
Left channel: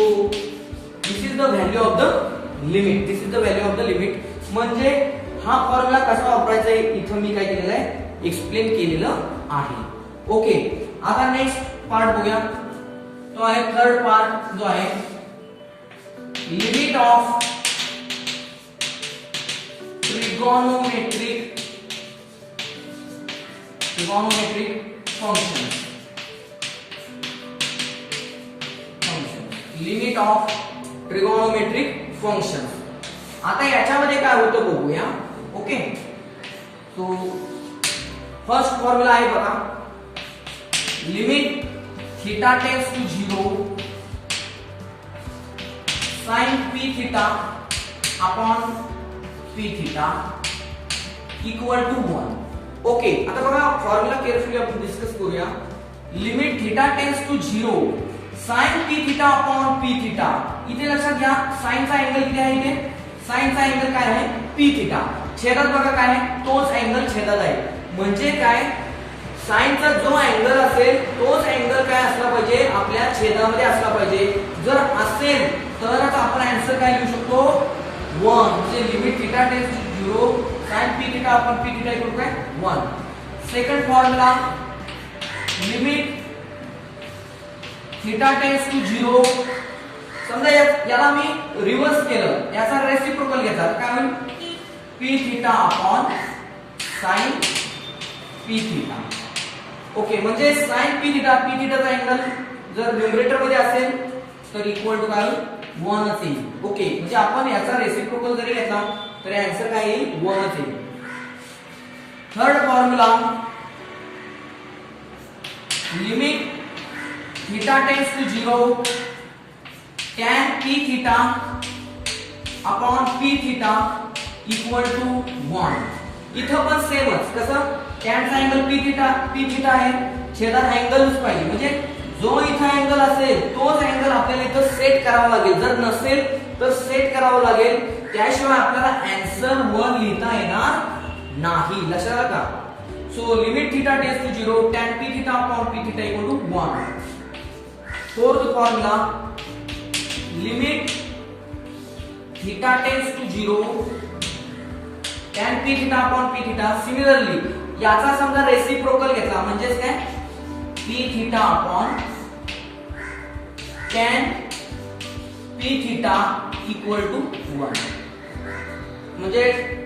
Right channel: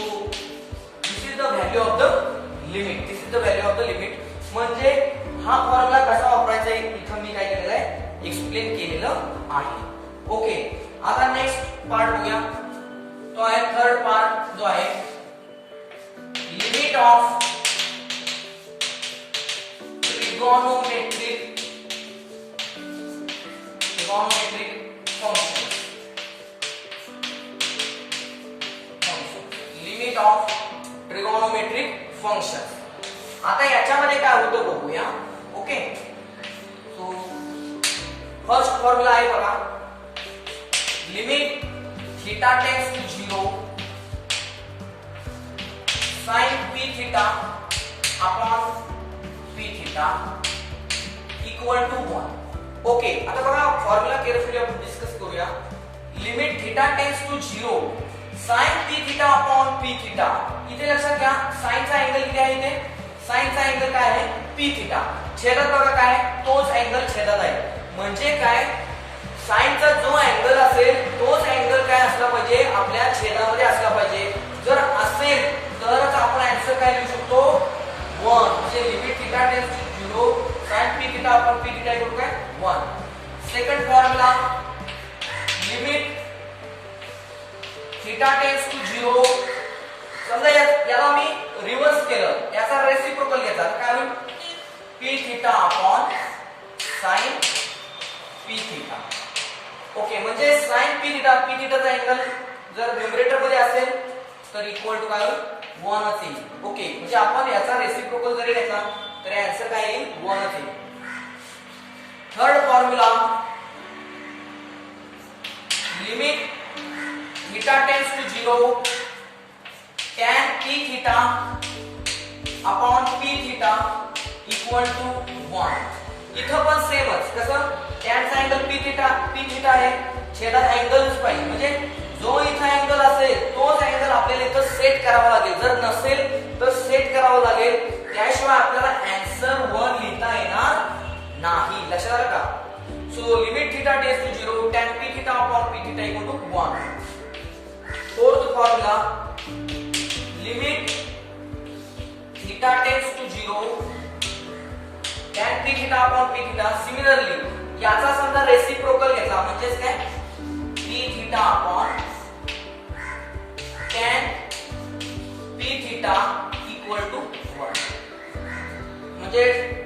this is the value of the limit, this is the value of the limit. म्हणजे हा फॉर्म्युला कसा वापरायचा आहे इथं मी काय केलेलं आहे, एक्सप्लेन केलेलं आहे. ओके, आता नेक्स्ट पार्ट बघूया, तो आहे थर्ड पार्ट जो आहे limit of trigonometric function. Limit of trigonometric function. आता याच्यामध्ये काय होतं बघूया. ओके, सो फर्स्ट फॉर्म्युला आहे बघा, limit theta tends to 0 sin p theta upon p theta equal to 1. Okay, आता बघा फॉर्म्युला केअरफुली आपण डिस्कस करूया. Limit theta tends to 0 sin p theta upon p theta. इथे लक्षात घ्या साइनचा अँगल किती आहे, इथे साइनचा अँगल काय आहे, p थीटा. छेदात बघा काय आहे, तोच अँगल छेदात आहे. म्हणजे काय, साइनचा जो अँगल असेल तोच अँगल काय असला पाहिजे, आपल्या छेदामध्ये असला पाहिजे. जर असेल तरच आपण आन्सर काय लिहू शकतो, 1. म्हणजे limit theta tends to 0 sin p theta upon p theta equal काय 1. Second formula, limit theta tends to 0. समजा याला मी रिव्हर्स केलं, याचा रेसिप्रोकल घेतला काय होईल, p theta upon sin p theta. ओके, म्हणजे sin p थीटा, p थीटाचा अँगल जर न्यूमरेटर मध्ये असेल तर इक्वल टू काय होईल, 1 असेल. ओके, म्हणजे आपण याचा रेसिप्रोकल जरी घेतला तर आन्सर काय येईल, 1 असेल. Third formula, limit theta tends to 0 tan p theta upon p theta equal to 1. इथं पण सेमच, कसं टॅनचा अँगल p थीटा आहे, छेदात अँगलच पाहिजे. म्हणजे जो इथं अँगल असेल तोच अँगल आपल्याला इथं सेट करावा लागेल. जर नसेल तर सेट करावं लागेल, त्याशिवाय आपल्याला आन्सर 1 लिहिता येणार नाही. लक्षात आलं का. So limit theta tends to 0 tan p theta upon p theta equal to 1. Fourth formula, limit theta tends to 0 tan p theta upon p theta. Similarly याचा समजा रेसिप्रोकल घेतला म्हणजेच काय, p theta upon tan p theta equal to 1. म्हणजे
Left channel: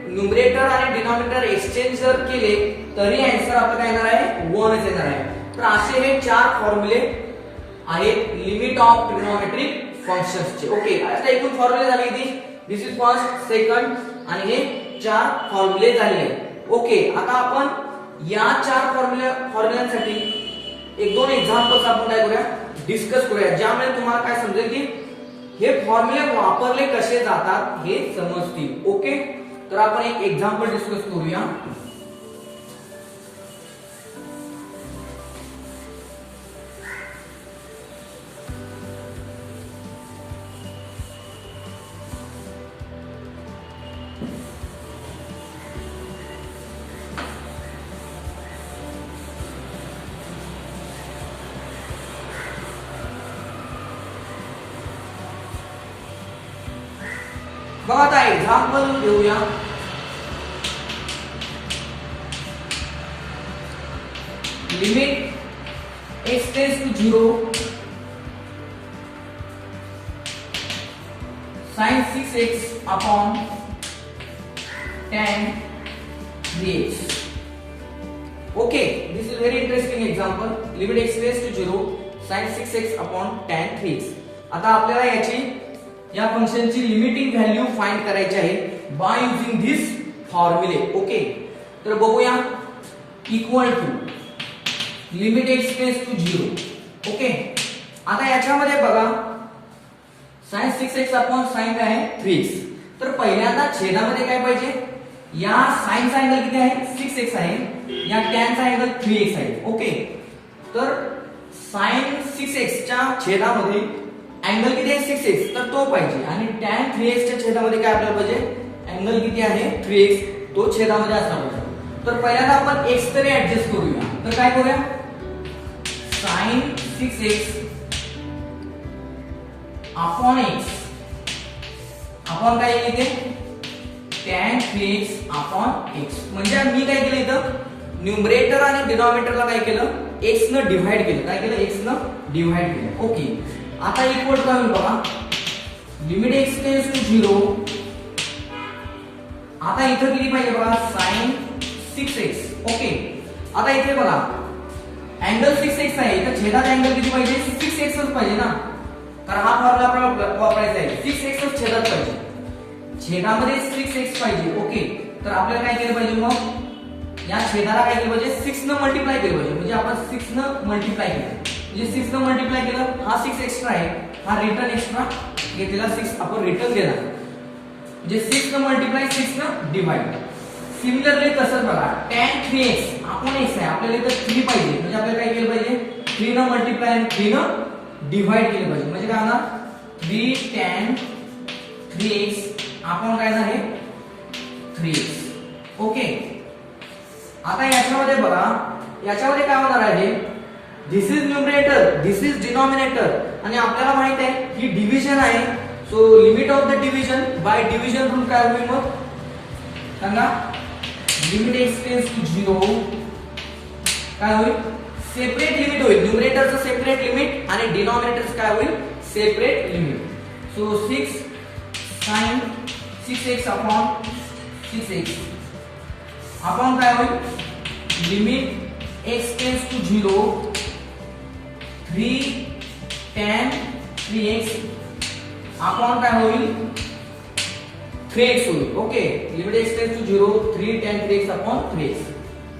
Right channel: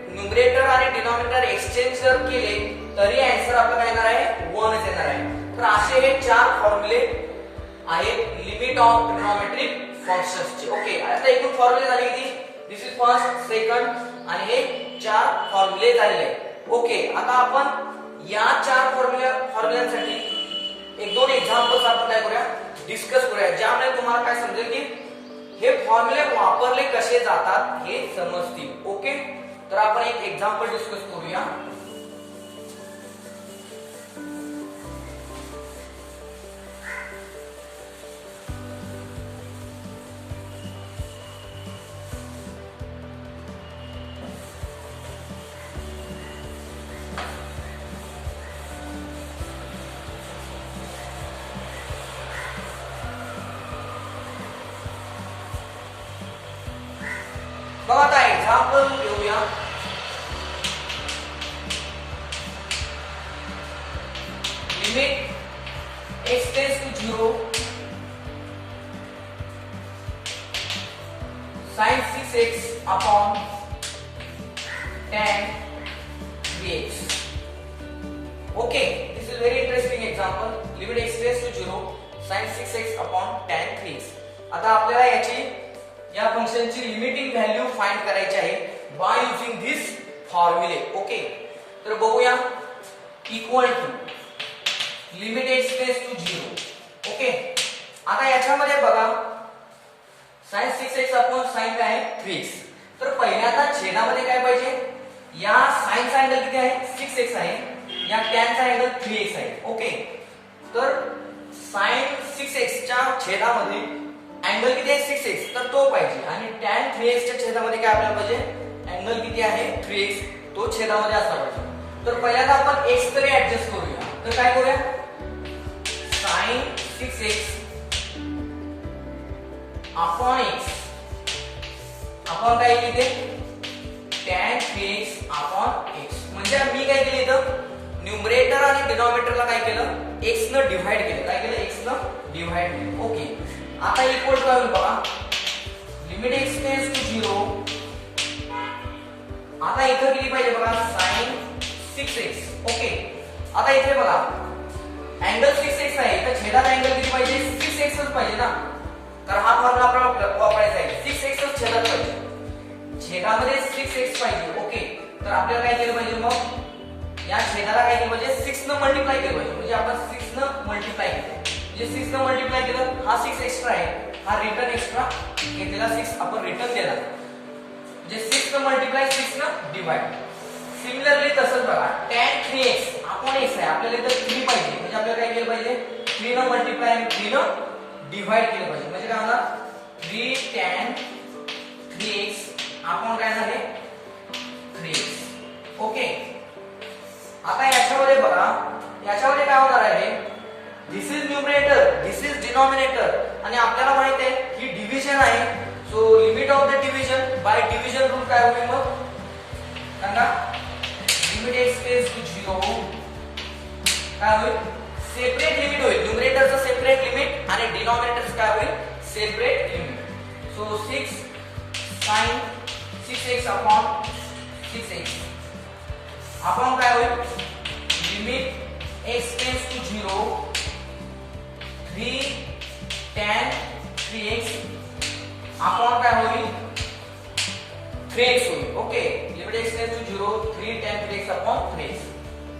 न्यूमरेटर आणि डिनॉमिनेटर एक्सचेंज जर केले तरी आन्सर आपला काय येणार आहे, 1 येणार आहे. तर असे हे 4 फॉर्म्युले आहेत लिमिट ऑफ ट्रिगोनोमेट्रिक फंक्शन्सचे. ओके, आता एकूण फॉर्म्युले झाले किती, दिस इज फर्स्ट, सेकंड आणि हे 4 फॉर्म्युले झालेले. ओके, आता आपण या 4 फॉर्म्युल्यांसाठी 1-2 एक्झाम्पल्स आपण काय करूया, डिस्कस करूया, ज्यामुळे तुम्हाला काय समजेल की हे फॉर्म्युले वापरले कसे जातात हे समजतील. ओके, तर आपण एक एक्झाम्पल डिस्कस करूया. बघा आता एक्झाम्पल घेऊया. Limit x tends to 0 sin 6x upon tan 3x. Okay, this is very interesting example. Limit x tends to 0 sin 6x upon tan 3x. आता आपल्याला या फंक्शनची लिमिटिंग व्हॅल्यू फाइंड करायची आहे बाय युजिंग धिस फॉर्म्युले. ओके, तर बघूया. Equal to limit x tends to 0. Okay, आता याच्यामध्ये बघा sin 6x अपॉन sin काय आहे 3x. तर पहिल्यांदा छेदामध्ये काय पाहिजे, या sin चा अँगल किती आहे 6x आहे, या tan चा अँगल 3x आहे. ओके, तर sin 6x च्या छेदामध्ये अँगल किती आहे 6x, तर तो पाहिजे. आणि tan 3x च्या छेदामध्ये काय आपल्याला पाहिजे, अँगल किती आहे 3x, तो छेदामध्ये असला पाहिजे. तर पहिल्यांदा आपण x तरी ऍडजस्ट करूया. तर काय करूया, sin 6x upon x upon काय येईल इथे tan 3x अपॉन x. म्हणजे मी काय केलं इथं, न्यूमरेटर आणि डिनॉमिनेटरला काय केलं, x न डिव्हाइड केलं. काय केलं, x न डिव्हाइड केलं. ओके, आता इक्वल टू काय होईल बघा, लिमिट x टेंड्स टू 0. आता इथं किती पाहिजे बघा, sin 6x. ओके, आता इथे बघा अँगल 6x आहे, तर छेदात अँगल किती पाहिजे 6x पाहिजे ना. तर हा फॉर्म्युला आपल्याला वापरायचा आहे. 6x छेदात पाहिजे, छेदामध्ये 6x पाहिजे. ओके, तर आपल्याला काय केलं पाहिजे, मग या छेदाला काय केलं पाहिजे 6 न मल्टिप्लाय केलं पाहिजे. म्हणजे आपण 6 न मल्टिप्लाय केलं, म्हणजे 6 न मल्टिप्लाय केलं, हा 6 एक्स्ट्रा आहे, हा रिटर्न एक्स्ट्रा घेतलेला 6 आपण रिटर्न दिला. म्हणजे 6 न मल्टिप्लाय 6 न डिवाइड. सिमिलरली तसंच बघा tan 3x अपॉन x आहे, आपल्याला इथं 3 पाहिजे, म्हणजे आपल्याला काय केलं पाहिजे 3 न मल्टिप्लाय आणि 3 न डिवाइड केलं पाहिजे. म्हणजे काय होणार 3 tan 3x अपॉन काय झाले 3x. ओके, आता याच्यामध्ये बघा, याच्यामध्ये काय होणार आहे, this is numerator, this is denominator, आणि आपल्याला माहित आहे ही डिव्हिजन आहे. So limit of the division by division rule काय होईल, मग सांगा, लिमिट x टेंड्स टू 0 काय होईल, सेपरेट लिमिट होईल. न्यूमरेटरचं सेपरेट लिमिट आणि डिनॉमिनेटरचं काय होईल, separate limit. So 6 sin 6x upon 6x upon काय होईल, limit x tends to 0 3 tan 3x upon काय होईल 3x होईल. Okay, limit x tends to 0 3 tan 3x upon 3x.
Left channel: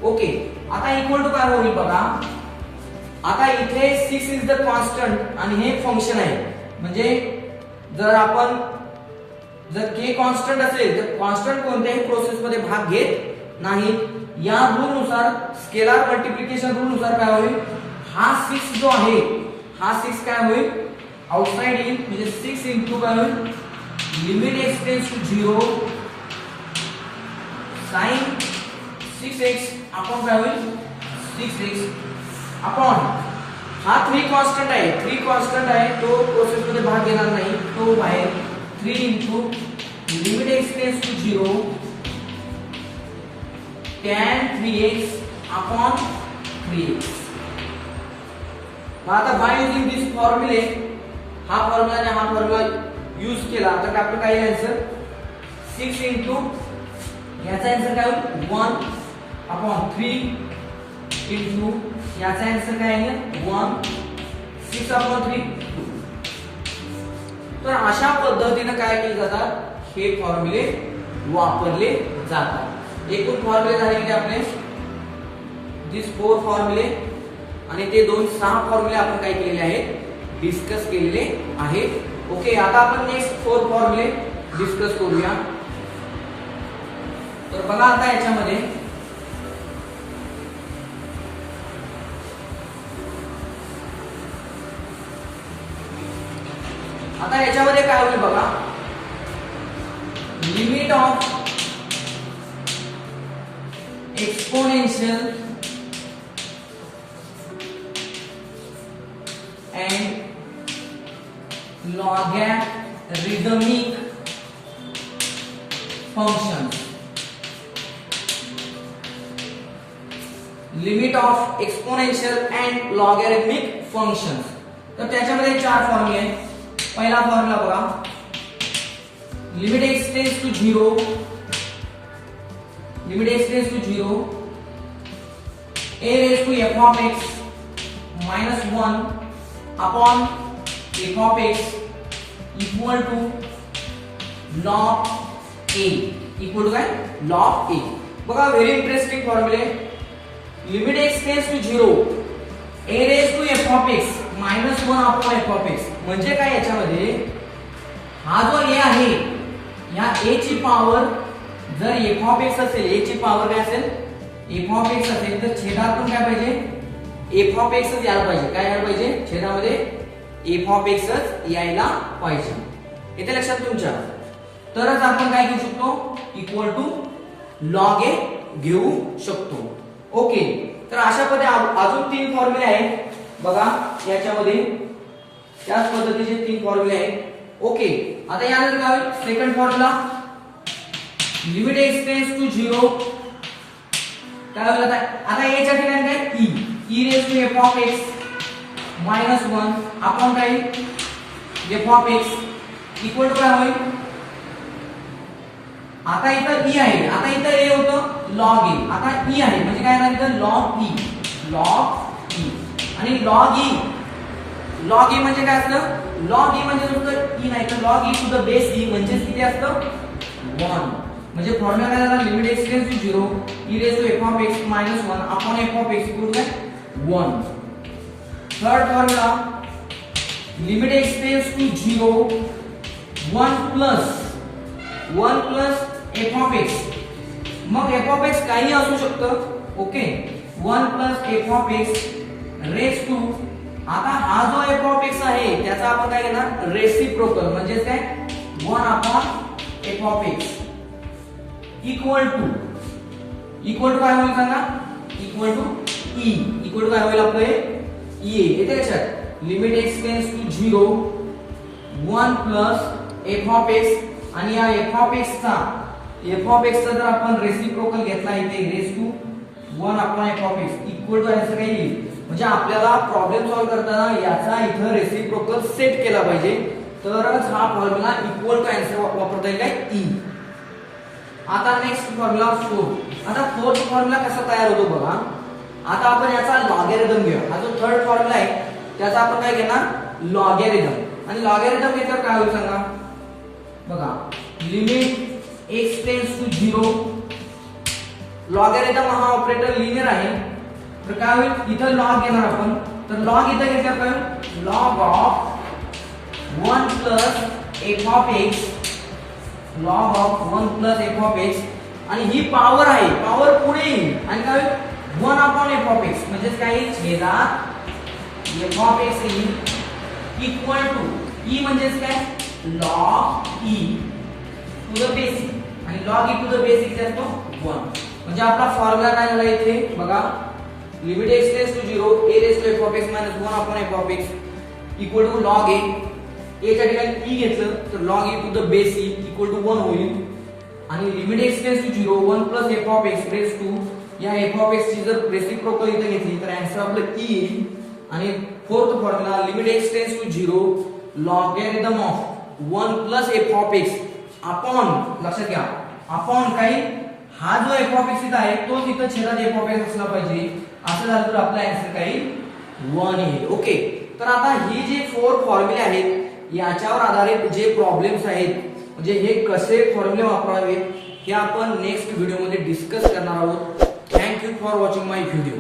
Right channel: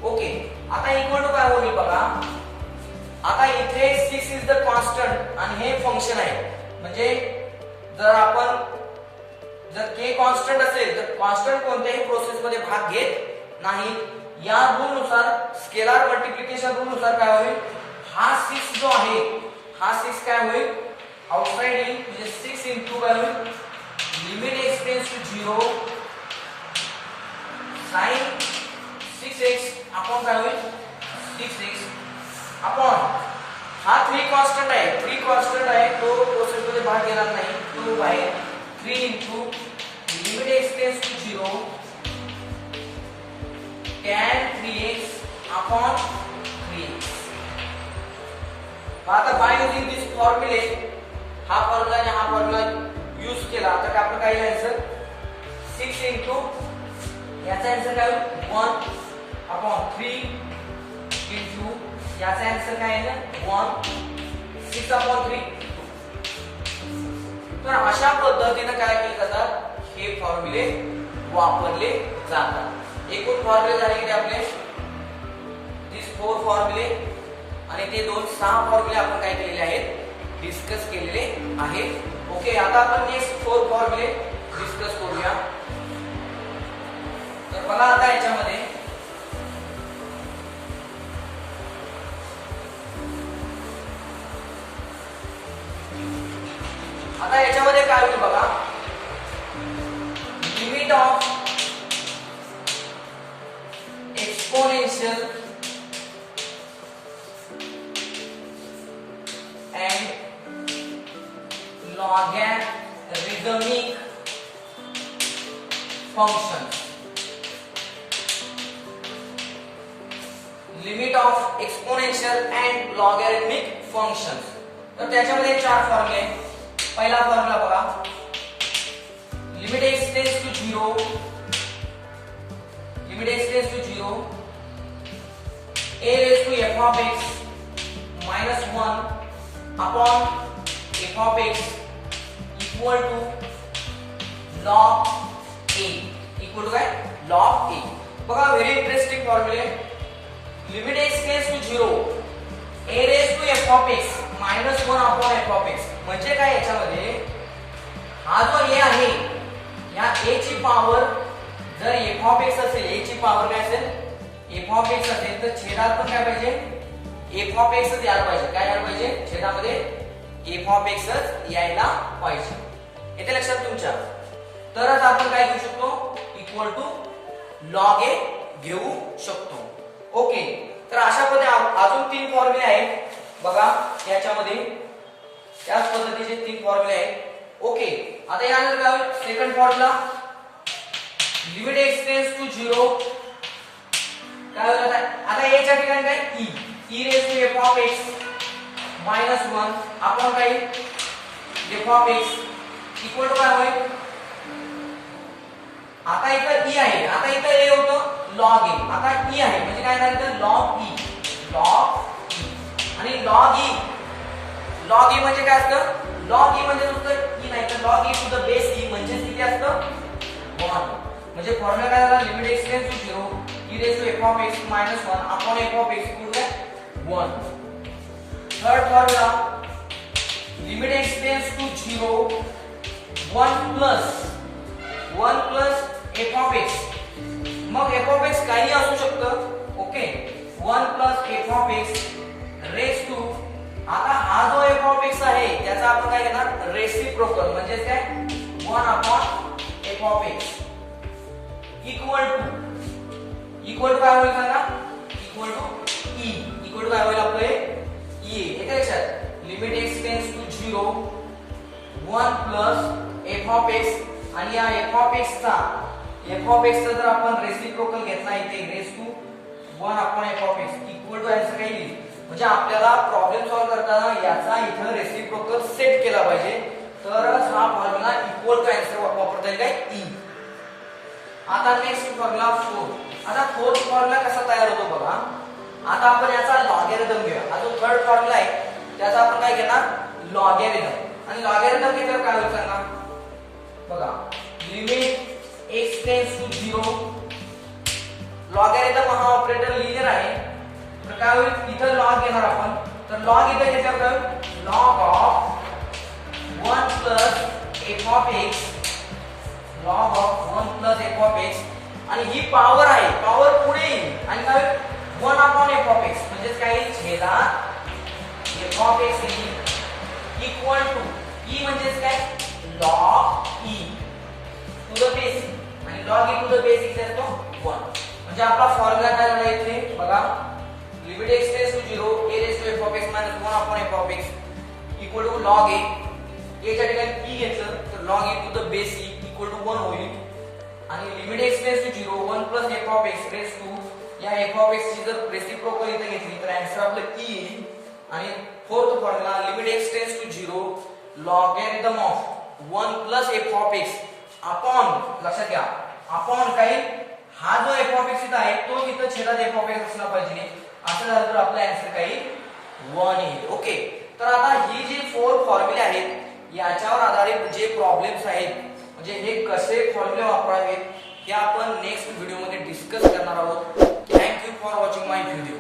Okay, आता इक्वल टू काय होईल बघा, आता इथे 6 इज द कॉन्स्टंट आणि हे फंक्शन आहे. म्हणजे जर k कॉन्स्टंट असेल तर कॉन्स्टंट कोणत्याही प्रोसेस मध्ये भाग घेत नाही. या रूल नुसार, स्केलार मल्टिप्लिकेशन रूल नुसार काय होईल, हा 6 जो आहे, हा 6 काय होईल आउटसाइड येईल. म्हणजे 6 इंटू काय होईल, limit x tends to 0 sin 6x upon काय होईल 6x अपॉन हा 3 कॉन्स्टंट आहे, 3 कॉन्स्टंट आहे, तो प्रोसेस मध्ये भाग घेणार नाही, तो बाहेर 3 into limit x tends to 0 tan 3x upon 3x. आता बाय युजिंग दिस फॉर्म्युले, हा फॉर्म्युला आणि हा फॉर्म्युला यूज केला तर आपलं काय येईल आन्सर 6 इंटू याचा आन्सर काय होईल 1 अपॉन 3 इंटू याचा आन्सर काय येईल 1 6 अपॉन 3. तर अशा पद्धतीने काय केले जातात, हे फॉर्म्युले वापरले जातात. एकूण फॉर्म्युले झाले की आपले दिस 4 फॉर्म्युले आणि ते 6 फॉर्म्युले आपण काय केलेले आहेत, डिस्कस केलेले आहेत. ओके, आता आपण नेक्स्ट 4 फॉर्म्युले डिस्कस करूया. तर बघा आता याच्यामध्ये काय होईल बघा, limit of exponential and logarithmic functions. Limit of exponential and logarithmic functions. तर त्याच्यामध्ये 4 फॉर्म्युले आहेत. पहिला फॉर्म्युला बघा, limit x tends to 0, limit x tends to 0 a raised to f of x minus 1 upon f of x equal to log a, equal to काय, log a. बघा व्हेरी इंटरेस्टिंग फॉर्म्युले. Limit x tends to 0 a raised to f of x minus 1 upon f of x म्हणजे काय, याच्यामध्ये हा जो a आहे, या a ची पॉवर जर f of x असेल, a ची पॉवर काय असेल, f of x असेल, तर छेदात पण काय पाहिजे, f of x च यायला पाहिजे. काय यायला पाहिजे, छेदामध्ये f of x च यायला पाहिजे. येते लक्षात तुमच्या. तरच आपण काय घेऊ शकतो, इक्वल टू लॉग ए घेऊ शकतो. ओके, तर अशा पद्धतीने अजून 3 फॉर्म्युले आहेत बघा याच्यामध्ये. त्याच पद्धतीचे 3 फॉर्म्युले आहेत. ओके, आता यानंतर काय होईल, second formula, limit x tends to 0 काय होईल, आता a च्या ठिकाणी काय, e raise to f of x minus 1 आपण काय, f of x equal to काय होईल, आता इथं e आहे, आता इथं a होतं log e, आता e आहे म्हणजे काय झालं, इथं log e, log e. आणि log e म्हणजे काय असतं, log e म्हणजे नुसतं e नाही, तर log e to the base e म्हणजे किती असतं, 1. म्हणजे फॉर्म्युला काय झाला, limit x tends to 0 e raise to f of x minus 1 upon f of x equal to 1. Third formula, limit x tends to 0 1 plus f of x. मग f ऑफ x काही असू शकतं. Okay, 1 plus f of x raise to, आता हा जो f ऑफ x आहे त्याचा आपण काय करणार, रेसिप्रोकल म्हणजे काय, 1 upon f of x equal to काय होईल सांगा, equal to e, equal to काय होईल आपलं e. येते लक्षात, limit x tends to 0 1 plus f of x आणि या f ऑफ x चा जर आपण रेसिप्रोकल घेतला इथे raise to 1 upon f of x equal to answer काय येईल. म्हणजे आपल्याला प्रॉब्लेम सॉल्व्ह करताना याचा इथं रेसिप्रोकल सेट केला पाहिजे, तरच हा फॉर्म्युला इक्वल टू आन्सर वापरता येईल काय, e. आता नेक्स्ट फॉर्म्युला 4. आता फोर्थ फॉर्म्युला कसा तयार होतो बघा. आता आपण याचा लॉगॅरिथम घेऊया. हा जो थर्ड फॉर्म्युला आहे त्याचा आपण काय घेणार, लॉगॅरिथम. आणि लॉगॅरिथम घेतल्यावर काय होईल सांगा बघा, limit x tends to 0, logarithm हा ऑपरेटर लिनियर आहे, तर काय होईल, इथं लॉग घेणार आपण, तर लॉग इथं घेतल्यावर काय होईल, log of 1 plus f of x, log of 1 plus f of x. आणि ही पॉवर आहे, पॉवर पुढे येईल आणि काय होईल, 1 अपॉन f ऑफ x म्हणजे काय, छेदात f of x equal to e म्हणजे काय, log e to the basic, आणि log e to the basic असतो 1. म्हणजे आपला फॉर्म्युला काय झाला इथे बघा, limit x tends to 0 a raise to f of x minus 1 upon f of x equal to log a. a च्या ठिकाणी e घेतलं तर log e to the base e equal to 1 होईल. आणि limit x tends to 0 1 plus f of x raise to, या f ऑफ x ची जर रेसिप्रोकल इथे घेतली तर आन्सर आपलं e येईल. आणि fourth formula, limit x tends to 0 logarithm of 1 plus f of x upon, लक्षात घ्या, अपॉन काही हा जो f ऑफ x इथं आहे तो इथं छेदात f ऑफ x असला पाहिजे. असं झालं तर आपला आन्सर काही 1 येईल. ओके, तर आता ही जी 4 फॉर्म्युले आहेत याच्यावर आधारित जे प्रॉब्लेम्स आहेत, म्हणजे हे कसे फॉर्म्युले वापरावेत हे आपण नेक्स्ट व्हिडिओ मध्ये डिस्कस करणार आहोत. Thank you for watching my video.